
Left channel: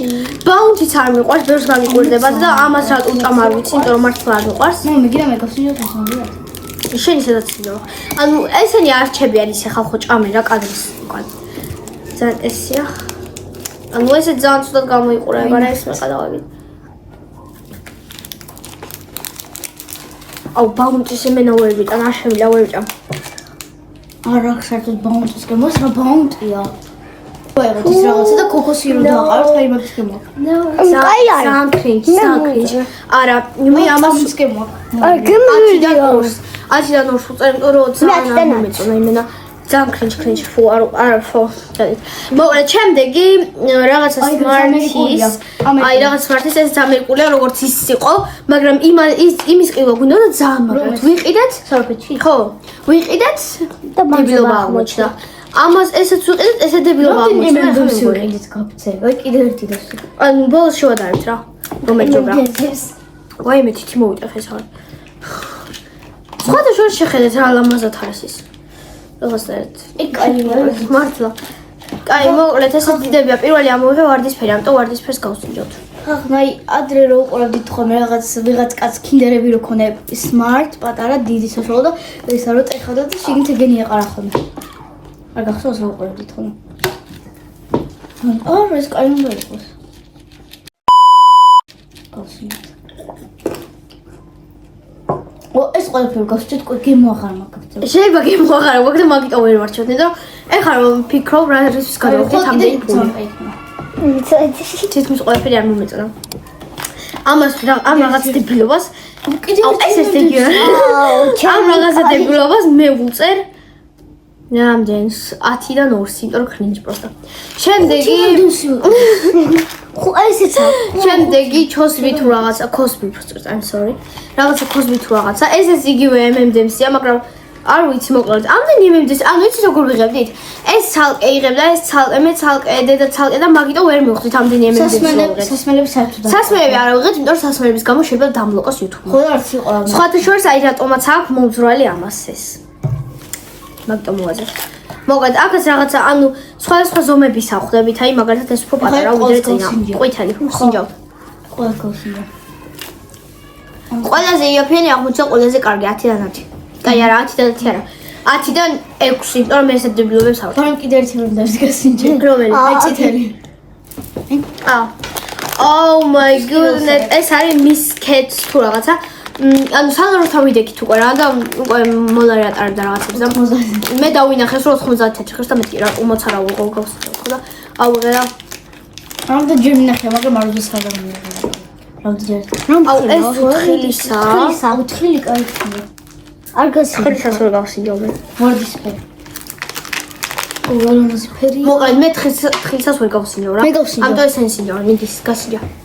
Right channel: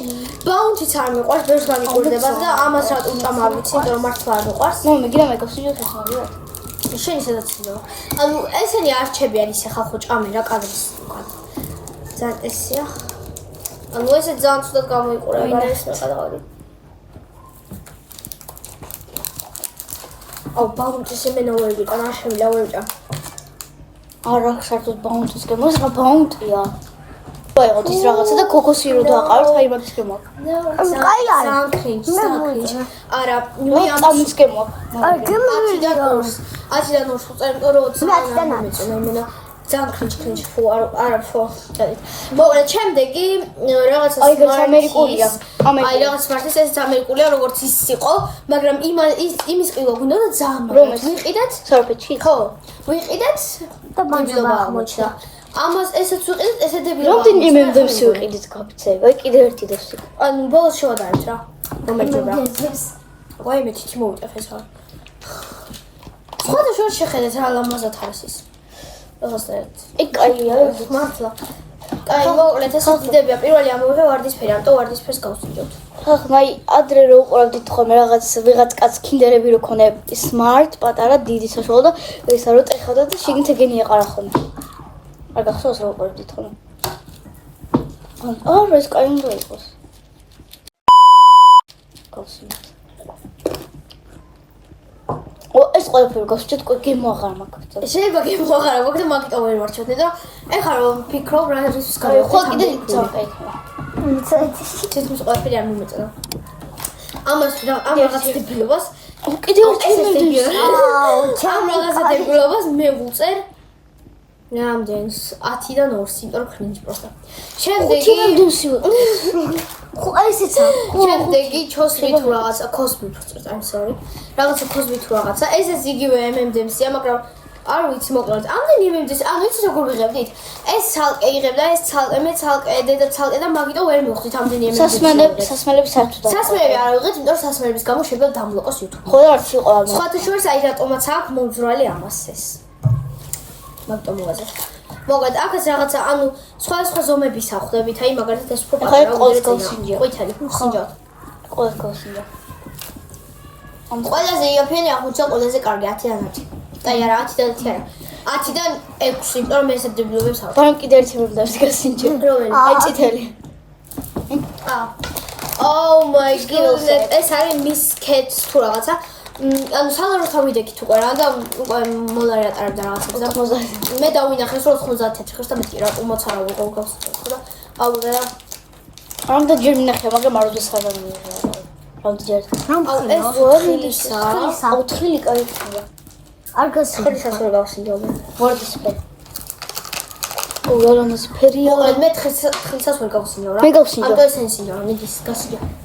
ბაუნტიც არ მიყვარს, ბევრს გამიკვირდებათ და ამას რატო უჭამ არ ვიცი, იმიტომ რომ მართლა არ მიყვარს. ნუ მიგია მე გავსინჯოთ ეს მოგიათ. შენ ისედაც ცინო. ანუ ესენი არჩებიან ისე ხალხო ჭამენ რა კადრის უკან. ძალიან ესია. ანუ ესე ძალიან ცუდად გამოიყურება რა ეს მე გადავაგე. აუ ბაუნტის იმენა ვერ ვიტან, არ შემიძლია ვერ ვჭამ. არა, საერთოდ ბაუნტის გემოს რა ბაუნტია. ვაიღოთ ის რაღაცა და კოკოსი რო დაყაროთ, აი მაგის გემო. ძალიან კრინჯი, ძალიან კრინჯი. არა, მე ამას გემო. არა, გემოვიდა. 10-დან 2-ს უწერ, რომ ძალიან არ მომეწონა იმენა. ძალიან კრინჯ ფუ არა ფუ. მოკლედ შემდეგი რაღაცა Smarties. აი რაღაც Smarties ეს ამერიკულია როგორც ის იყო, მაგრამ იმის ყივა გვინდა და ძალიან მაგრად ვიყიდეთ. სორფეთში. ხო, ვიყიდეთ და დებილობა აღმოჩნდა. ამას ესეც ვიყიდეთ, ესე დებილობა აღმოჩნდა. ვიყიდეთ კაფეზე. აი კიდევ ერთი დასი. ანუ ბოლოს შევადარებთ რა. რომეჯობა. ვაი მე თითი მოვიტეხეს ახლა. სხვათა შორის შეხედეთ რა ლამაზად არის ის. როგორც კაი მართლა. კაი, მოკლედ ესე დიდებია. პირველი ამოვიღე ვარდისფერი, ამიტომ ვარდისფერს გავსინჯოთ. ხახნა აი ადრე რო უყურებდით ხოლმე ვიღაც კაც კინდერები რო ქონე smart პატარა დიდი საშუალო და ესა რო წეხავდა და შეგინთ ეგენი ეყარა ხოლმე. არ გახსოვს რო უყურებდით ხოლმე. არა ეს კაი უნდა იყოს. გავსინჯოთ. ეს ყველაფერი გავსჭით გემო აღარ მაქვს. შეიძლება გემო აღარ მაქვს და მაგიტო ვერ ვარჩევთ, იმიტომ რომ ეხლა რომ ფიქრობ რა რისთვის გადავხდით ამდენი ფული. თითქმის ყველაფერი არ მომეწონა. ამას ამ რაღაც დებილობას კიდევ ეს დეგია. ამ რაღაცა დებილობას მე ვუწერ რამდენს 10-დან 2-ს, იმიტომ რომ კრინჯი პროსტა. შემდეგი ხო ესეც შემდეგი ჩოსბი თუ რაღაცა კოსბი პროსტა, I'm sorry. რაღაცა კოსბი თუ რაღაცა. ესეც იგივე M&M's-ია, მაგრამ არ ვიცი მოკლედ. ამდენი M&M's, ანუ იცი როგორ ვიღებდით? ეს ცალკე იღებდა, ეს ცალკე, მე ცალკე, დედა ცალკე და მაგიტო ვერ მივხვდით ამდენი M&M's. სასმელები საერთოდ სასმელები არ ავიღეთ, იმიტომ რომ სასმელების გამო შეიძლება დამლოკოს YouTube-მა. ხო და არც იყო ამ. სხვათა შორის აი რატომაც აქვს მომძვრალი ამას ეს. მაგიტო მოვაზრე. მოკლედ აქაც რაღაცა ანუ სხვადასხვა ზომების ახვდებით, აი მაგალითად ეს უფრო პატარა ვიდრე წინა. ყვითელი, ვსინჯავთ. ყველა გავსინჯა. ყველაზე იაფიანი აღმოჩნდა ყველაზე კარგი 10-დან 10. კაი არა 10-დან 10 არა. 10-დან 6, იმიტომ რომ ესე დებილობებს ავთ. თორემ კიდე ერთი მომდარს გასინჯე. რომელი? აი წითელი. Oh my goodness. ეს არის მის კეთს თუ რაღაცა. ანუ სალაროთან ვიდექით უკვე რა და უკვე მოლარი ატარებდა რაღაცებს და მე დავინახეს რომ 90 ხერს და მეტი რა უმოცარა უყავს ხო და აუღე და რამდა ჯერ მინახე მაგრამ არ ვიცი რა ჯერ აუ ეს უთხილისაა უთხილი კაიცხია არ გასი ხილისას ვერ გავსინჯო მე ვარდისფერი უგალამაზ ფერი მოკლედ მე ხილისას ვერ გავსინჯო რა ამიტომ ეს ენსინჯო მიდის გასინჯო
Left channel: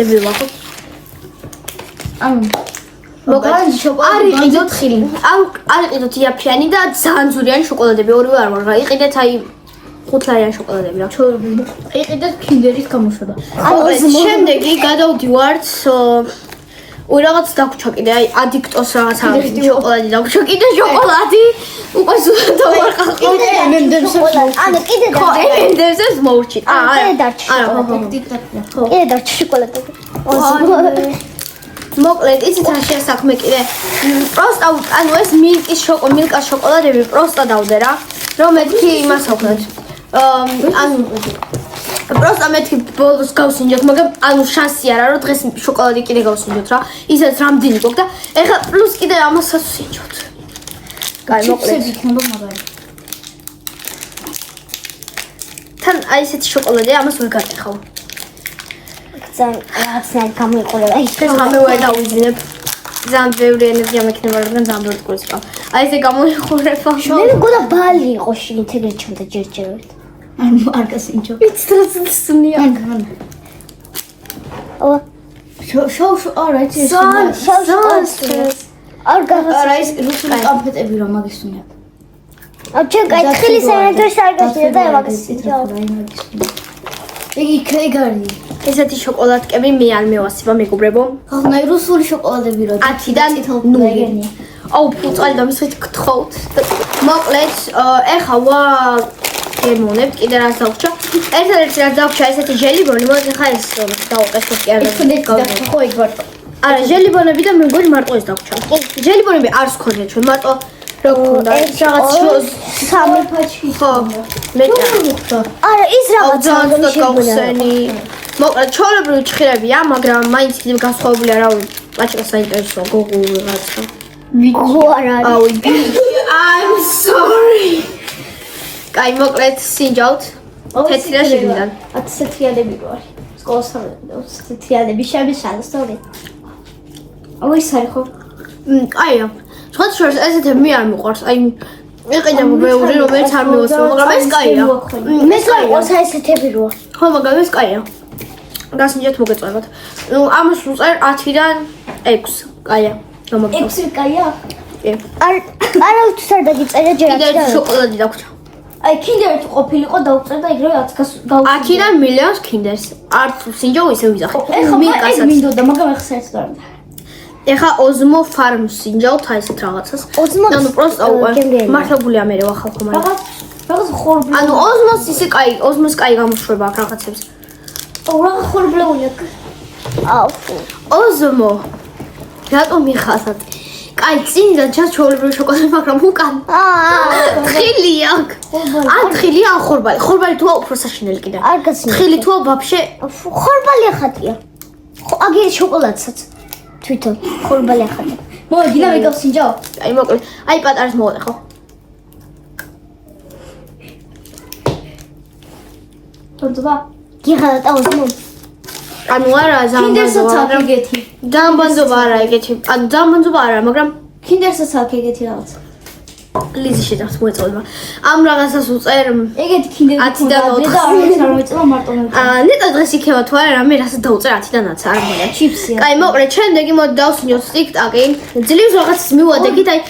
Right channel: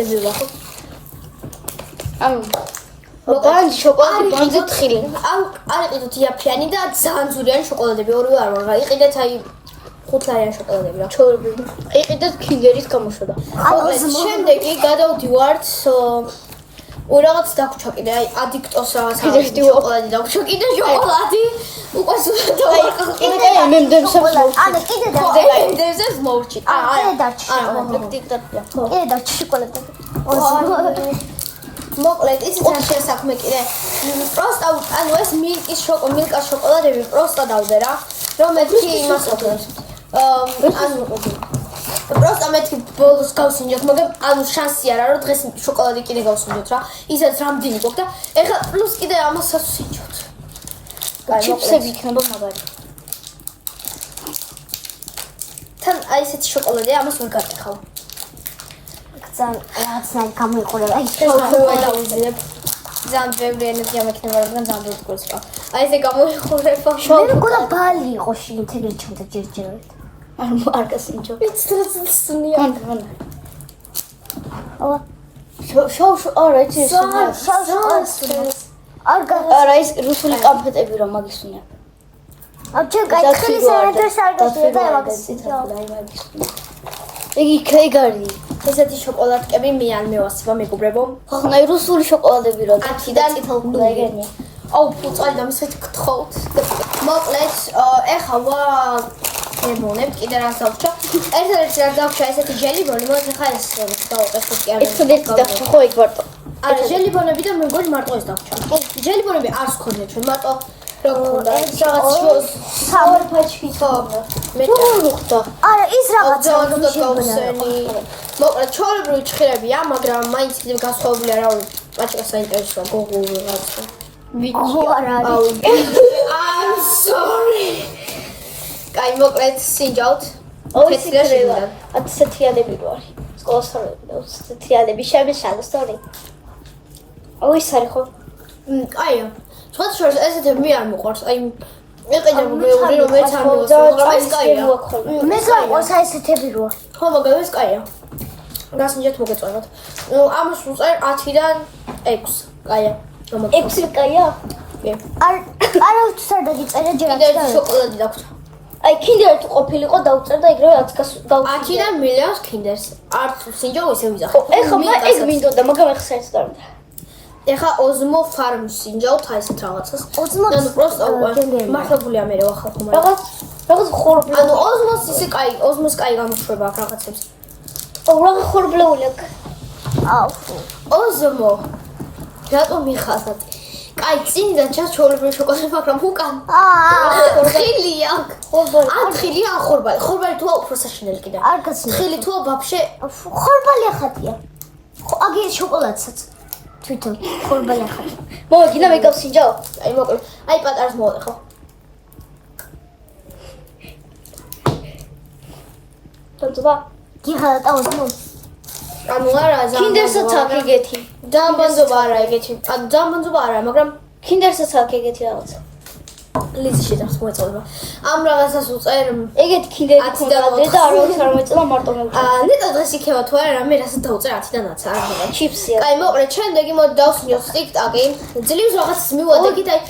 დებილი ვახო მოკლედ არ იყიდოთ ხილი არ იყიდოთ იაფიანი და ძალიან ზურიანი შოკოლადები ორივე არ ვარ რა იყიდეთ აი 5 ლარიანი შოკოლადები რა ჩაურბილი იყიდეთ კინდერის გამოშვება მოკლედ შემდეგი გადავდივართ რაღაც დაგვრჩა კიდე აი ადიქტოს რაღაცა შოკოლადი დაგვრჩა კიდე შოკოლადი უკვე სულ ვარ კიდე ენდევსებს მოურჩით არა კიდე დარჩა შოკოლადი მოკლედ იცით რა შეასახმე კიდე პროსტა ანუ ეს მილკას შოკოლადები პროსტა დავდე რა რომ მეთქი იმას აქვთ ანუ პროსტა მეთქი ბოლოს გავსინჯოთ მაგრამ ანუ შანსი არა რომ დღეს შოკოლადი კიდე გავსინჯოთ რა ისეც რამდენი გქონდა და ეხლა პლუს კიდე ამასაც ვსინჯოთ კაი მოკლედ იქნება მაგარი თან აი ესეთი შოკოლადია ამას ვერ გატეხავ რაღაცა გამოიყურება ეს ამე ვერ დავიძინებ ძალიან ბევრი ენერგია მექნება რადგან ძალიან ბევრი გულს რა აი ესე გამოიყურება მე მგონა ბალი იყო შიგნით ეგრე ჩუმდა ჯერჯერობით არ გასინჯო იცრაცნია შოუ არა ეს არ არა ეს რუსული კონფეტები რომ მაგისუნია ჩე კაი ხილის ენერგიის არ გასწია და მაგას იგი კრეგარი ესეთი შოკოლადკები მე არ მევასება მეგობრებო ხახნა რუსული შოკოლადები რა 10-დან 0 აუ ფუწალი და მისვით გთხოვთ მოკლედ ეხა გემონებ კიდე რაც დავჭა ერთადერთი რაც დავჭა ესეთი ჟელიბონი მოდი ხა ეს დავუყესოთ კი ხო იქ ვარ არა ჟელიბონები და მე მგონი მარტო ეს დავჭა ჟელიბონები არც ქონია ჩვენ მარტო რა ქონდა რაღაც სამი ფაჩი ხო მე არა ის რაღაც ძალიან გავხსენი მოკლედ ჩაოლებრივი ჭხირებია მაგრამ მაინც კიდევ განსხვავებული არავინ პაჭკა საინტერესოა გოგო რაღაცა აუ I'm sorry კაი მოკლედ სინჯავთ თეთრი და შიგნიდან 10 სეთიალები რო არის სკოლას სეთიალები შემეშალო სწორი აუ ის არის ხო კაია სხვა შორს ესეთები მე არ მიყვარს აი იყიდა ბევრი რომელიც არ მივასწავლე მაგრამ ეს კაია მე კაია ესეთები რო ხო მაგრამ ეს კაია გასინჯეთ მოგეწევათ ამას უწერ 10-დან 6 კაია 6 კაია არა თუ არ დაგიწერე ჯერ კიდე შოკოლადი დაგვრჩა აი კინდერი ყოფილიყო დაუწერდა იგივე 10-დან მილიონს კინდერს არ სინჯო ისე ვიზახე მილკასაც მინდოდა მაგრამ ახლა საერთოდ არ მინდა ეხა ოზმო ფარმს სინჯავთ აი ესეთ რაღაცას ანუ პროსტა უკვე მართლებულია მე რა ხალხო მაგრამ რაღაც ხორბლე ანუ ოზმოს ისე კაი ოზმოს კაი გამოშვება აქ რაღაცებს რაღაც ხორბლეული აუ ოზმო რატო მიხასათ კაი წინიდან ჩას ჩაოლებრივი შოკოლადი მაგრამ უკან ხილი აქ ან ხილი ან ხორბალი თუა უფრო საშინელი კიდე არ გასინჯო ხილი თუა ვაფშე ხორბალი ახატია აგი შოკოლადსაც თვითონ ხორბალი ახატია მოდი და მე გავსინჯო აი მოკლედ აი პატარას მოვადე ხო თუნდობა გიღადა ოზმო ანუ არა კინდერსაც აქ ეგეთი ძალიან ბანძობა არა ეგეთი ანუ ძალიან ბანძობა არა მაგრამ კინდერსაც აქ ეგეთი რაღაც ლიზი შედავს მოეწოდება ამ რაღაცას უწერ ეგეთი კინდერი 10-დან 4 და არ მოეწოდება მარტო მე ნეტა დღეს იქნება თუ არა რამე რასაც დაუწერ 10-დან 9 არ მგონია ჩიპსია კაი მოკლედ შემდეგი მოდი დავსინჯოთ TikTok-ი ძლივს რაღაცას მივადექით აი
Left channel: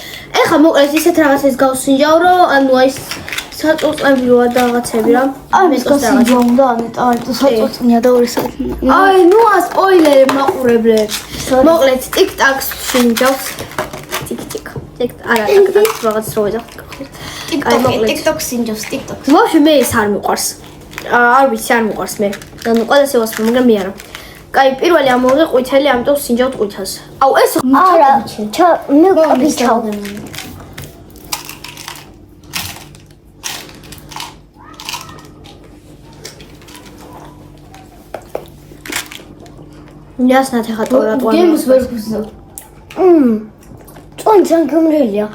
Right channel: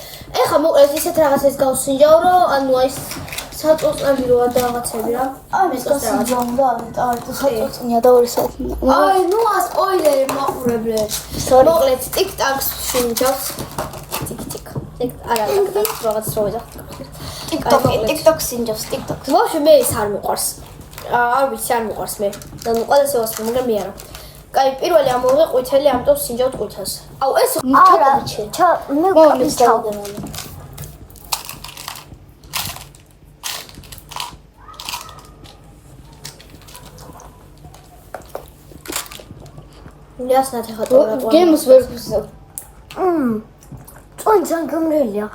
ეხა მოკლედ ისეთ რაღაცას გავსინჯავ რომ ანუ აი საწუწნები როა და რაღაცები რა მე გასინჯო უნდა ანეტა აი თუ საწუწნია და 2 საათი აი ნუ ასპოილერი მაყურებლებს მოკლედ TikTok-ს სინჯავს არა რაღაც რო ვეძახთ TikTok სინჯავს TikTok ვაფშე მე ეს არ მიყვარს არ ვიცი არ მიყვარს მე ანუ ყველას ევასწრებ მაგრამ მე არა კაი პირველი ამოვიღე ყვითელი ამიტომ სინჯავთ ყვითელს აუ ეს არა მე Ясно, ты хотела გემს ვერ გუზავ. წონი ძალიან გამრელია.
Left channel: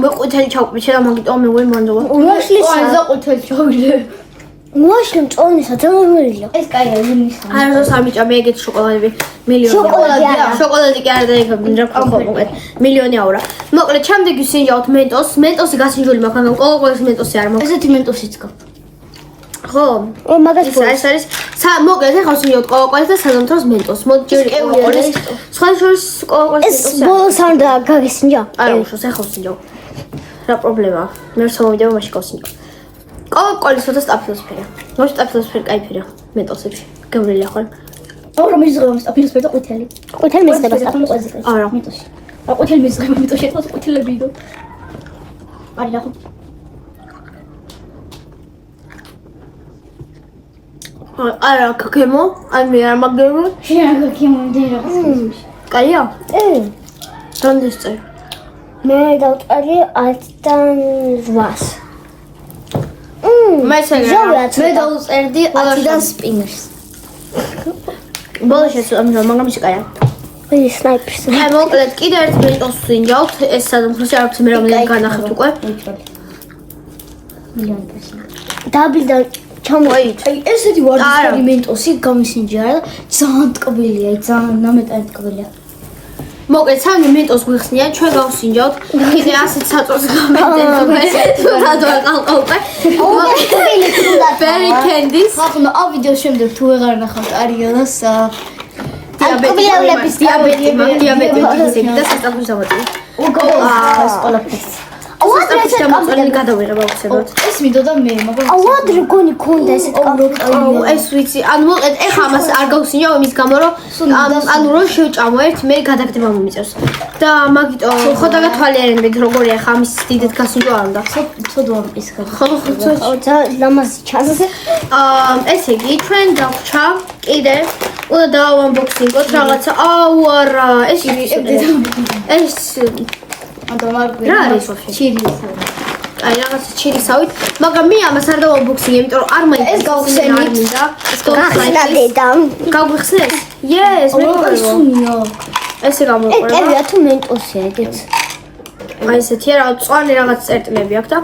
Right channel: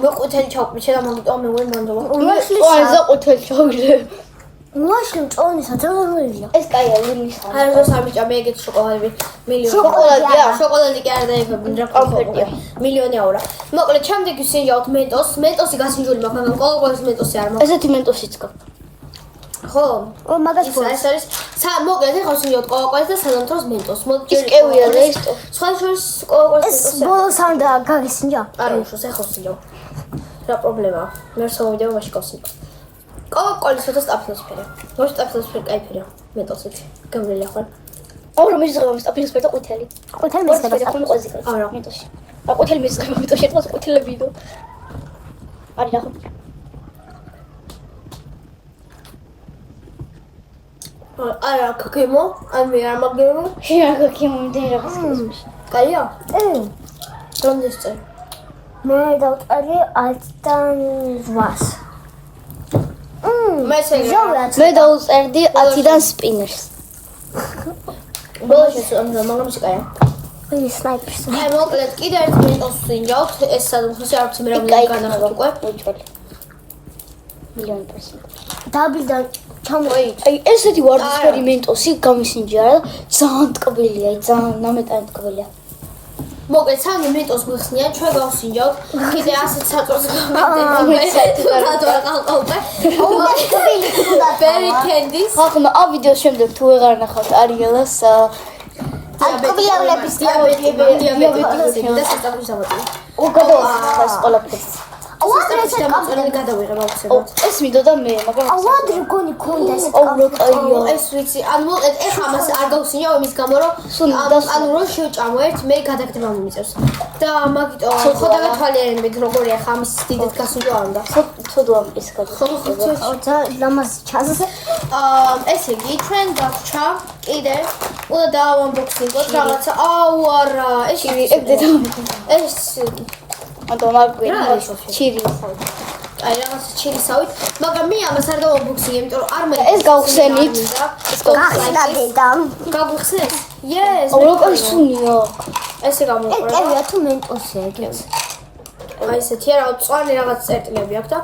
მე ყვითელი ჩავყვითე და მაგიტო მე ვერ მონდობა. წონზე ყვითელი ჩავიდე. მოაშლი წონისა ძალიან გამრელია. ეს კაია ლინის. არა ზოს არ მიჭა მე ეგეთ შოკოლადები მილიონი. შოკოლადი კი არ დაიქები რა ხო მილიონი აურა. მოკლედ ჩამდეგი ვისინჯავთ მენტოსი გასინჯული მაქვს, მაგრამ ყოველგვარი მენტოსი არ მაქვს. ესეთი მენტოსიც გქ. ხო, მაგას ეს არის მოკლედ ახლა ვისინჯავთ ყოველგვარი და სანამთროს მენტოს. მოდი ჯერ ყოველგვარი. სხვა შორის ყოველგვარი ეს მენტოსი. ბოლოს არ გაგისინჯა. არა უშავს ახლა ვისინჯავ. რა პრობლემაა? მე რსა მომიდევ მაშინ გავსინჯავ. ყოველგვარი სოთა სტაფილოსფერია. მოდი სტაფილოსფერი კაიფერია მენტოსებში. გემრიელი ახლა. ორ მიზღება სტაფილოსფერი და ყვითელი. ყვითელი მისდება სტაფილოსფერი. არა. მენტოსი. რა ყვითელი მიზღება მენტოსი ერთად ყვითელები დო. არის ახლა. არა, გემო, აი მე არ მაგერო. შენ რა გემონდი რაღაც. კაია? რამდენს წერ? მე დავწერე 10-დან 8-ს. მე შეგა. მე დავწერდი 10-დან სპინერს. ბოლოს შეწამდა, მაგრამ ის კაია. მე სნაიპერს. აი მოკლედ კიდე ერთ მენტოს ვინჯავთ, ეს სადმხლოში არ ვიცი მე რამდენი განახეთ უკვე. მილიონი პრესია. დაბლიდან ჩამოით. აი ესეთი ვარდისფერი მენტოსი გამისინჯა რა ძალიან ტკბილია, ძალიან ნამეტად ტკბილია. მოკლედ სამი მენტოს გვიხსნია, ჩვენ გავსინჯავთ. კიდე ასეთ საწოლს გამეტენთ უკვე. თუნდაც ყალყალყე. Berry candies. ახლა ამ ვიდეოს შემდეგ თუ ვეღარ ნახავთ არიელას დიაბეტი ისეთი და სასწრაფო სამოწილი. ეს ყველაფერს. სასწრაფო სამოწილი გადავიღება უცებად. ეს მინდოდა მე, მაგრამ ავადრე გონი კონდა ესეთ ეს ვიცი, ანუ მოკლედ ეხა ამას არ გავსინჯავ იმის გამო, რომ ანუ რომ შევჭამო ერთ, მე გადაგდება მომიწევს. და მაგიტო ხო დაგათვალიერებთ როგორია ხა ამის დიდეთ გასინჯვა არ უნდა. ცოდვა ის გადა. ხო, ლამაზი ჩანს. ესე იგი, ჩვენ დავრჩა კიდე უნდა დავანბოქსინგოთ რაღაცა. აუ არა, ეს ანუ მაგ რა არის ვაფშე? ჩირისავი. აი რაღაცა ჩირისავით, მაგრამ მე ამას არ დავანბოქსინგ, იმიტომ რომ არ მაინტერესებს. ეს გავხსენით. ეს გავხსენით. გავხსენეთ? Yes, მე სუნიო. ესე გამოიყურება. ეკერია თუ მენტოსია ეგეც. აი ესეთია რა, წვანი რაღაც წერტილები აქვს და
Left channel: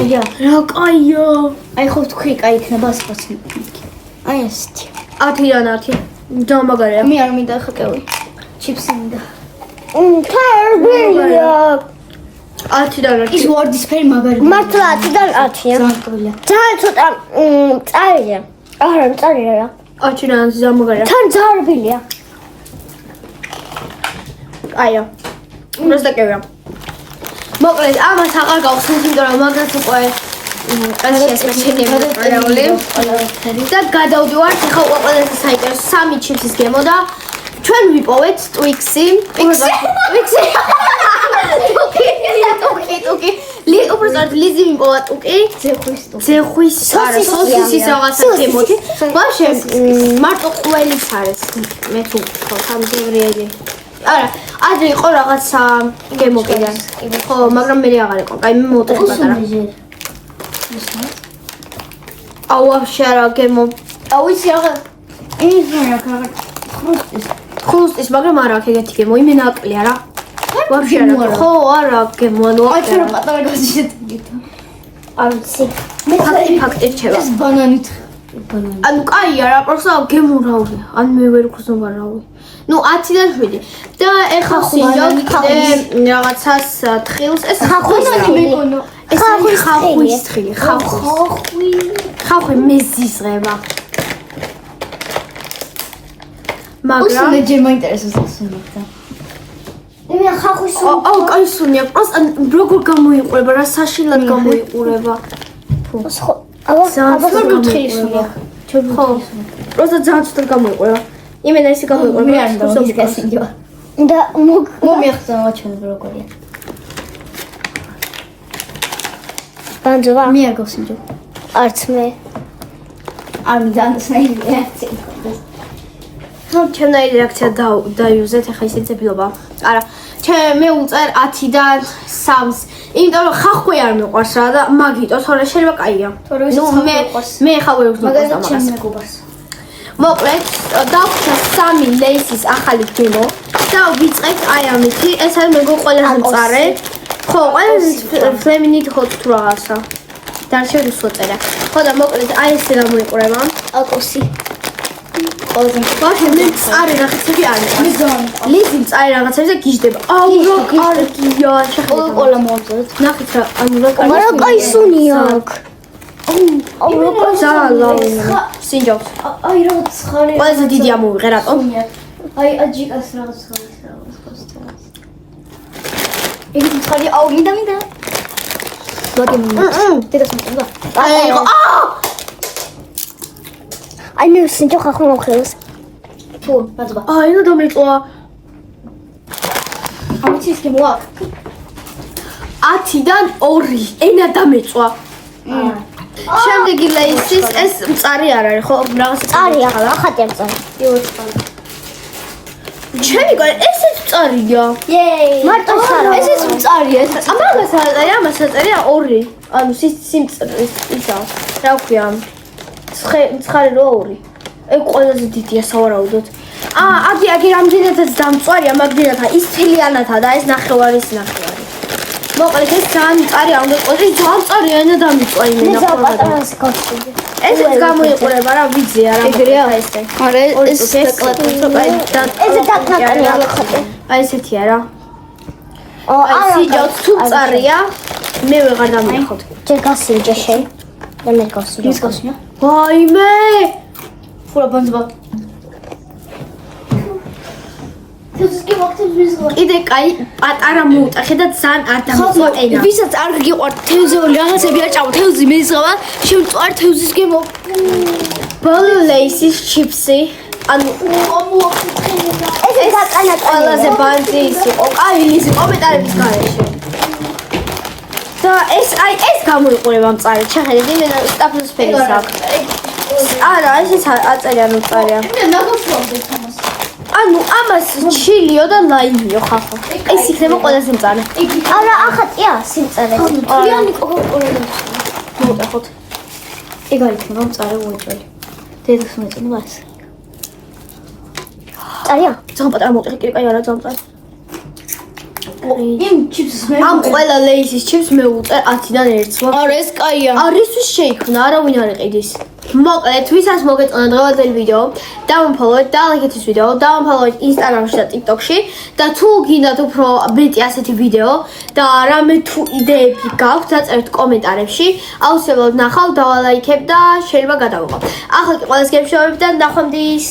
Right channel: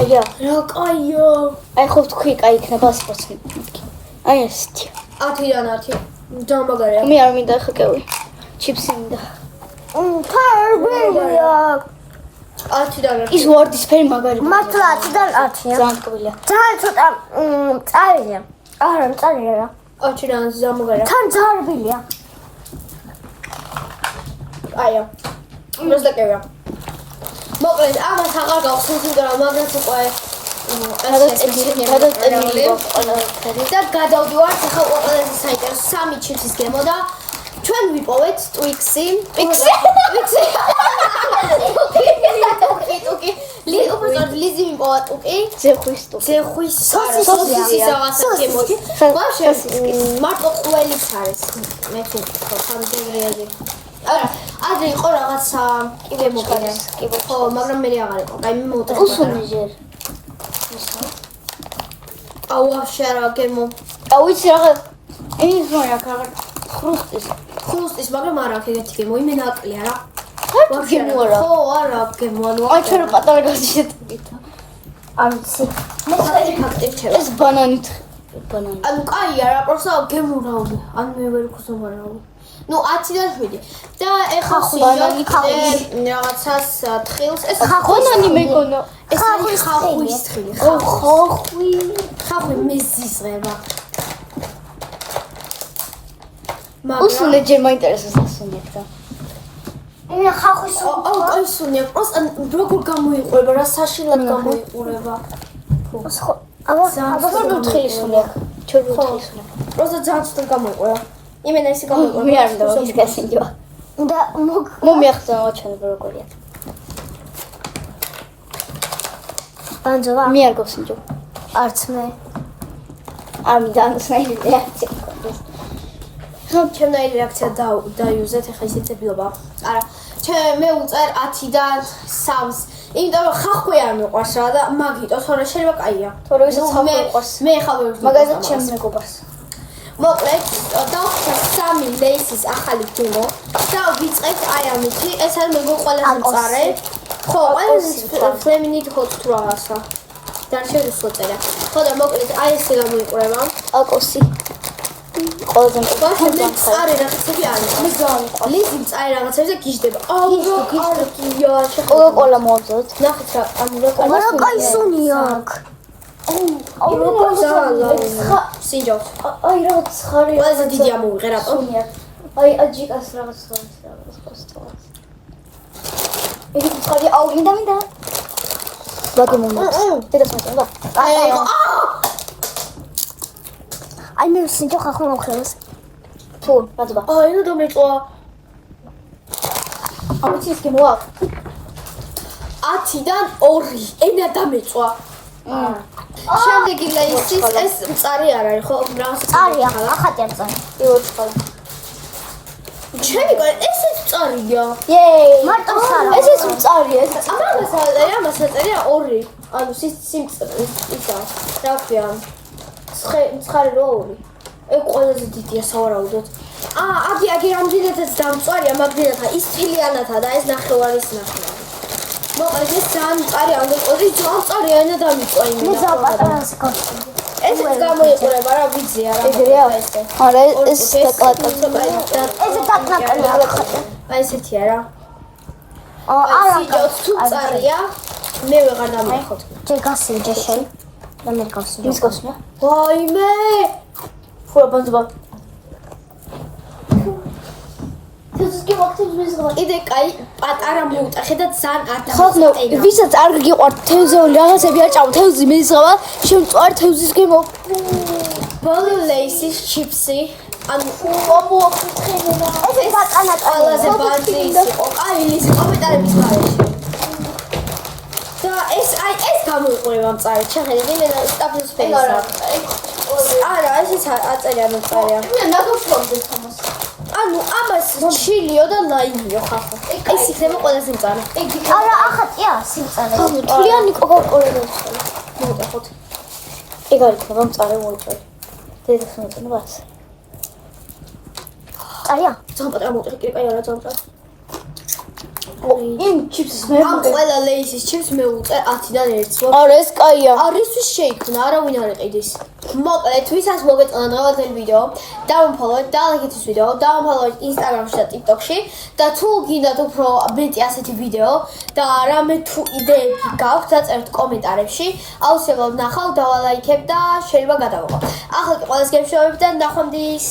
აია, რა კაია. აი ხო თქვი კაი იქნება სპორტი. აი ესეთი. 10-დან 10. დამაგარია. მე არ მინდა ხა კევი. ჩიპსი მინდა. თარგია. 10-დან 10. ის ვარდისფერი მაგარი. მართლა 10-დან 10-ია. ძალიან ტკბილია. ძალიან ცოტა წარია. არა, წარია რა. 10-დან დამაგარია. თან ძარბილია. აია. просто კევია. მოკლედ ამას აღარ გავხსენთ, იმიტომ რომ მაგას უკვე ესეა და გადავდივართ ახლა ყველაზე საინტერესო 3 ჩიპსის გემო და ჩვენ ვიპოვეთ Twix-ი. ტუკი. უბრალოდ ლიზი მიპოვა ტუკი. ზეხვის არა, სოსისის რაღაცა გემოთი. ვაფშე მარტო ყველის არის. მე თუ ხო სამზევრიელი. არა, ადრე იყო რაღაცა გემო კიდე. ხო, მაგრამ მე აღარ იყო. კაი, მე მოვუტეხე პატარა. აუ, ვაფშე არა გემო. აუ იცი რა. ის რა კაღა ხრუსტის, მაგრამ არა აქ ეგეთი გემო, იმენ აკლია რა. ვაფშე არა. ხო, არა გემო, ანუ აი ჩვენ პატარა გასიშეთგით. არცი. ფაქტი რჩება. ეს ბანანით. ანუ კაია რა, просто გემო რავი. ან მე ვერ გხსოვა რავი. ну 10-დან 7 და ეხლა ვსინჯავთ კიდე რაღაცას თხილს ეს ხახვის მეკონო ეს ხახვის თხილი ხახვი მეზიზღება მაგრამ უსუნე ჯერ მაინტერესებს ასუნდა მე ხახვის აუ კაი სუნია просто როგორ გამოიყურება რა საშინლად გამოიყურება როგორ თხილს ხო просто ძალიან ცუდად გამოიყურება იმენა ისე გამოიყურება მე არ უნდა გასინჯვა და მომიახსენე ჩვენ როგორია ბანძოვა მე არ გავსინჯო არც მე არ მინდა საერთოდ რეაქცია ჩემნაირი რეაქცია დაიუზეთ ახლა ისე ძებილობა არა მე უწერ 10-დან 3-ს. იმიტომ რომ ხახვი არ მიყვარს რა და მაგიტო თორე შეიძლება კაია. მე ხა ვერ ვგზნო მაგალითად მეგობარს. მოკლედ დავხსნა 3 ლეისის ახალი გემო და ვიწყებთ აი ამითი. ეს არის მეგო ყველაზე მწარე. ხო, ყველაზე ფლემინით hot თუ რაღაცა. დარჩე რუსოწერა. ხო და მოკლედ აი ესე გამოიყურება. აკოსი. ყველაზე ვაფშე მე მწარე რაღაცები არის. ლიზი მწარე რაღაცები და გიждდება. აუ რა კარგია, შეხედეთ. ყოლა მოვდოთ. ნახეთ რა, ანუ რა კარგი. რა კაი სუნი აქვს. ზალა. სინჯობს. აი რაღაც ხარი. ყველაზე დიდი ამოვიღე რატომ? აი აჯიკას რაღაც ხარი რაღაც. იგი ხარი აუ მინდა. ვაგე მომი. დედას მოწონდა. აი ხო. აი მე სინჯო ხახო მოხელს. თუ, ბაძბა. აი ნუ დამეწვა. ამიცი ის გემოა. 10-დან 2 ენა დამეწვა. შემდეგი ლეისის ეს მწარი არ არის ხო? რაღაცა წარია ხა, ახატია წარი. იოც ხარ. ჩემი გარი ესეც მწარია. იეი. მარტო ხარ. ესეც მწარია. ამას აწერია, ამას აწერია 2. ანუ სიმწრის ისა. რა ქვია? ცხარი რო 2. ეგ ყველაზე დიდია სავარაუდოდ. აგი რამდენადაც დამწვარია, მაგდენათა ის თილიანათა და ეს ნახევარის ნახევარი. მოკლედ ეს ძალიან მწარი არ უნდა იყოს, ეს ძალიან მწარია ენა დამიწვა იმენა ხოლმე. ესეც გამოიყურება რა ვიძია რა ესე. არა ეს დაკლატა. აი ესეთია რა. აი სიჯოც თუ მწარია, მე ვეღარ დამიხოთ. ჯერ გასინჯე შენ. მე გასინჯე. ის გასნია. ვაიმე! ფურა ბანძბა. თესკი ვაქტებს მიზღვა. კიდე კაი პატარა მოუტახე და ძალიან არ დამიწვა ენა. ვისაც არ გიყვართ თევზეული რაღაცები არ ჭამო თევზი მეზღვა შემწوار თევზის გემო. ბოლო ლეისის ჩიპსი. ანუ ეს ყველაზე ბანძი ის იყო. კაი ლიზი კომენტარების გარეშე. და ეს გამოიყურება მწარედ. შეხედეთ, იმენა სტაფილოსფერის აქვს. არა, ესეც აწერია ნუ წერია. მე ნაგავსვამდი თამას. ანუ ამას ჩილიო და ლაიმიო ხახო. ეს იქნება ყველაზე მწარე. არა ახატია სიმწარე. თლიანი კოკაკოლა. მოუტეხოთ. ეგ არის იქნება მწარე უეჭველი. დედას მოეწონება ეს. წარია. ძალიან პატარა მოუტეხე, კიდე კაი არა ძალიან მწარე. იმ ჩიპსს მე ამ ყველა ლეისის ჩიპს მე უწერ 10-დან 1-ს. არა ეს კაია. არისთვის შეიქმნა, არავინ არ იყიდის. მოკლედ, ვისაც მოგეწონა დღევანდელი ვიდეო, დავამფოლოვეთ, დალაიქეთ ეს ვიდეო, დავამფოლოვეთ Instagram-ში და TikTok-ში და თუ გინდათ უფრო მეტი ასეთი ვიდეო და რამე თუ იდეები გაქვთ, დაწერთ კომენტარებში, აუცილებლად ნახავ, დავალაიქებ და შეიძლება გადავიღო. ახლა კი ყველას გემშვიდობებით და ნახვამდის.